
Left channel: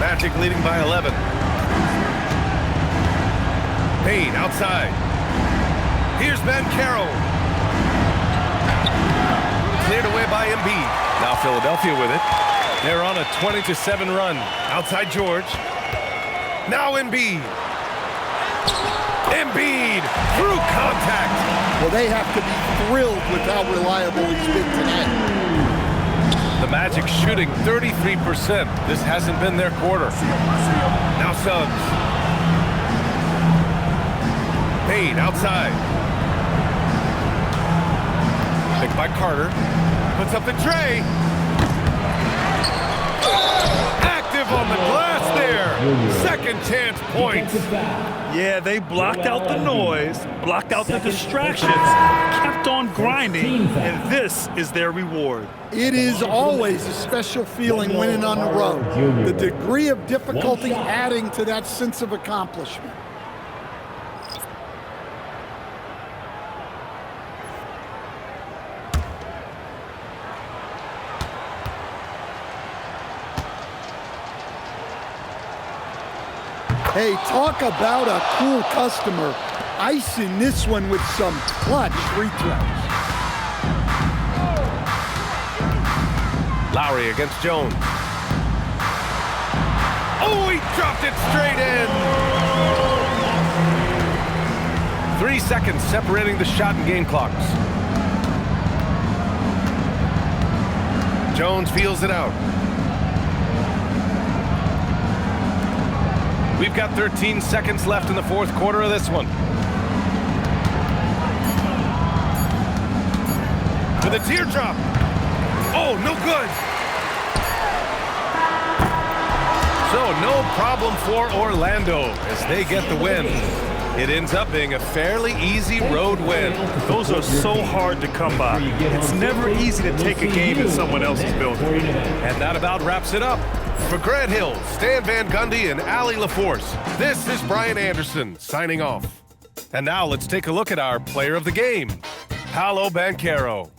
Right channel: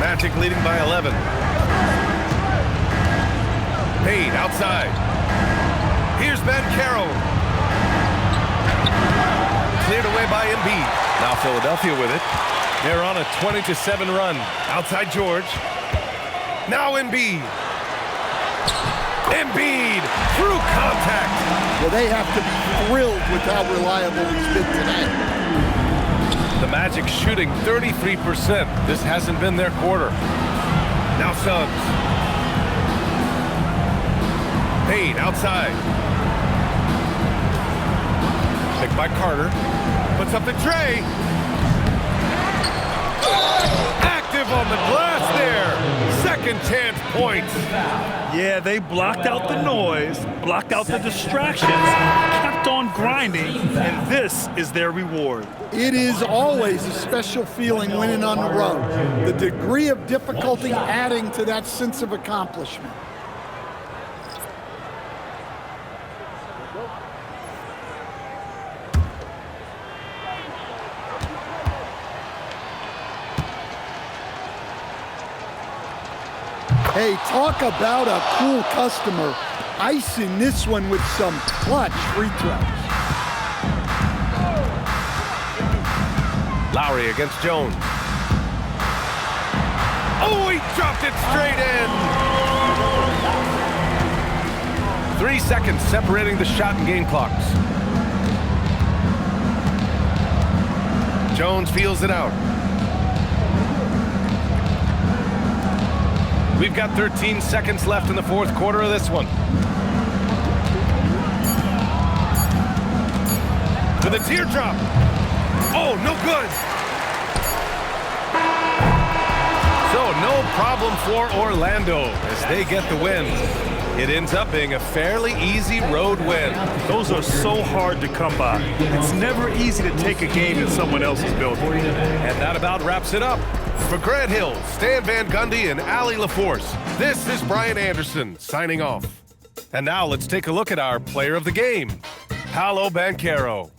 Magic leading by 11. Payne outside. Here's Banchero. Cleared away by Embiid. Now Philadelphia with it. They're on a 20-7 run. Outside George. Now Embiid. Embiid through contact. Well, they have to be thrilled with how reliable he's been tonight. The Magic shooting 33%. This hasn't been their quarter. Now Suggs. Payne outside. Picked by Carter. Puts up the tray. Active on the glass there. Second chance points. Yeah, they blocked out the noise, blocked out the distractions, kept on grinding, and this is their reward. It is always a special feeling winning on the road. The degree of difficulty adding to that sense of accomplishment. Hey, talk about a cool customer. Icing this one with some clutch free throws. Lowry against Jones. Oh, he dropped it straight in. 3 seconds separating the shot and game clocks. Jones feels it out. We've got 13 seconds left in the fourth quarter of this one. With a teardrop. Oh, no good. So no problem for Orlando as they get the win. It ends up being a fairly easy road win. Those are so hard to come by. It's never easy to take a game in someone else's building. And that about wraps it up. For Grant Hill, Stan Van Gundy, and Allie LaForce, this is Brian Anderson signing off. And now let's take a look at our player of the game, Paolo Banchero.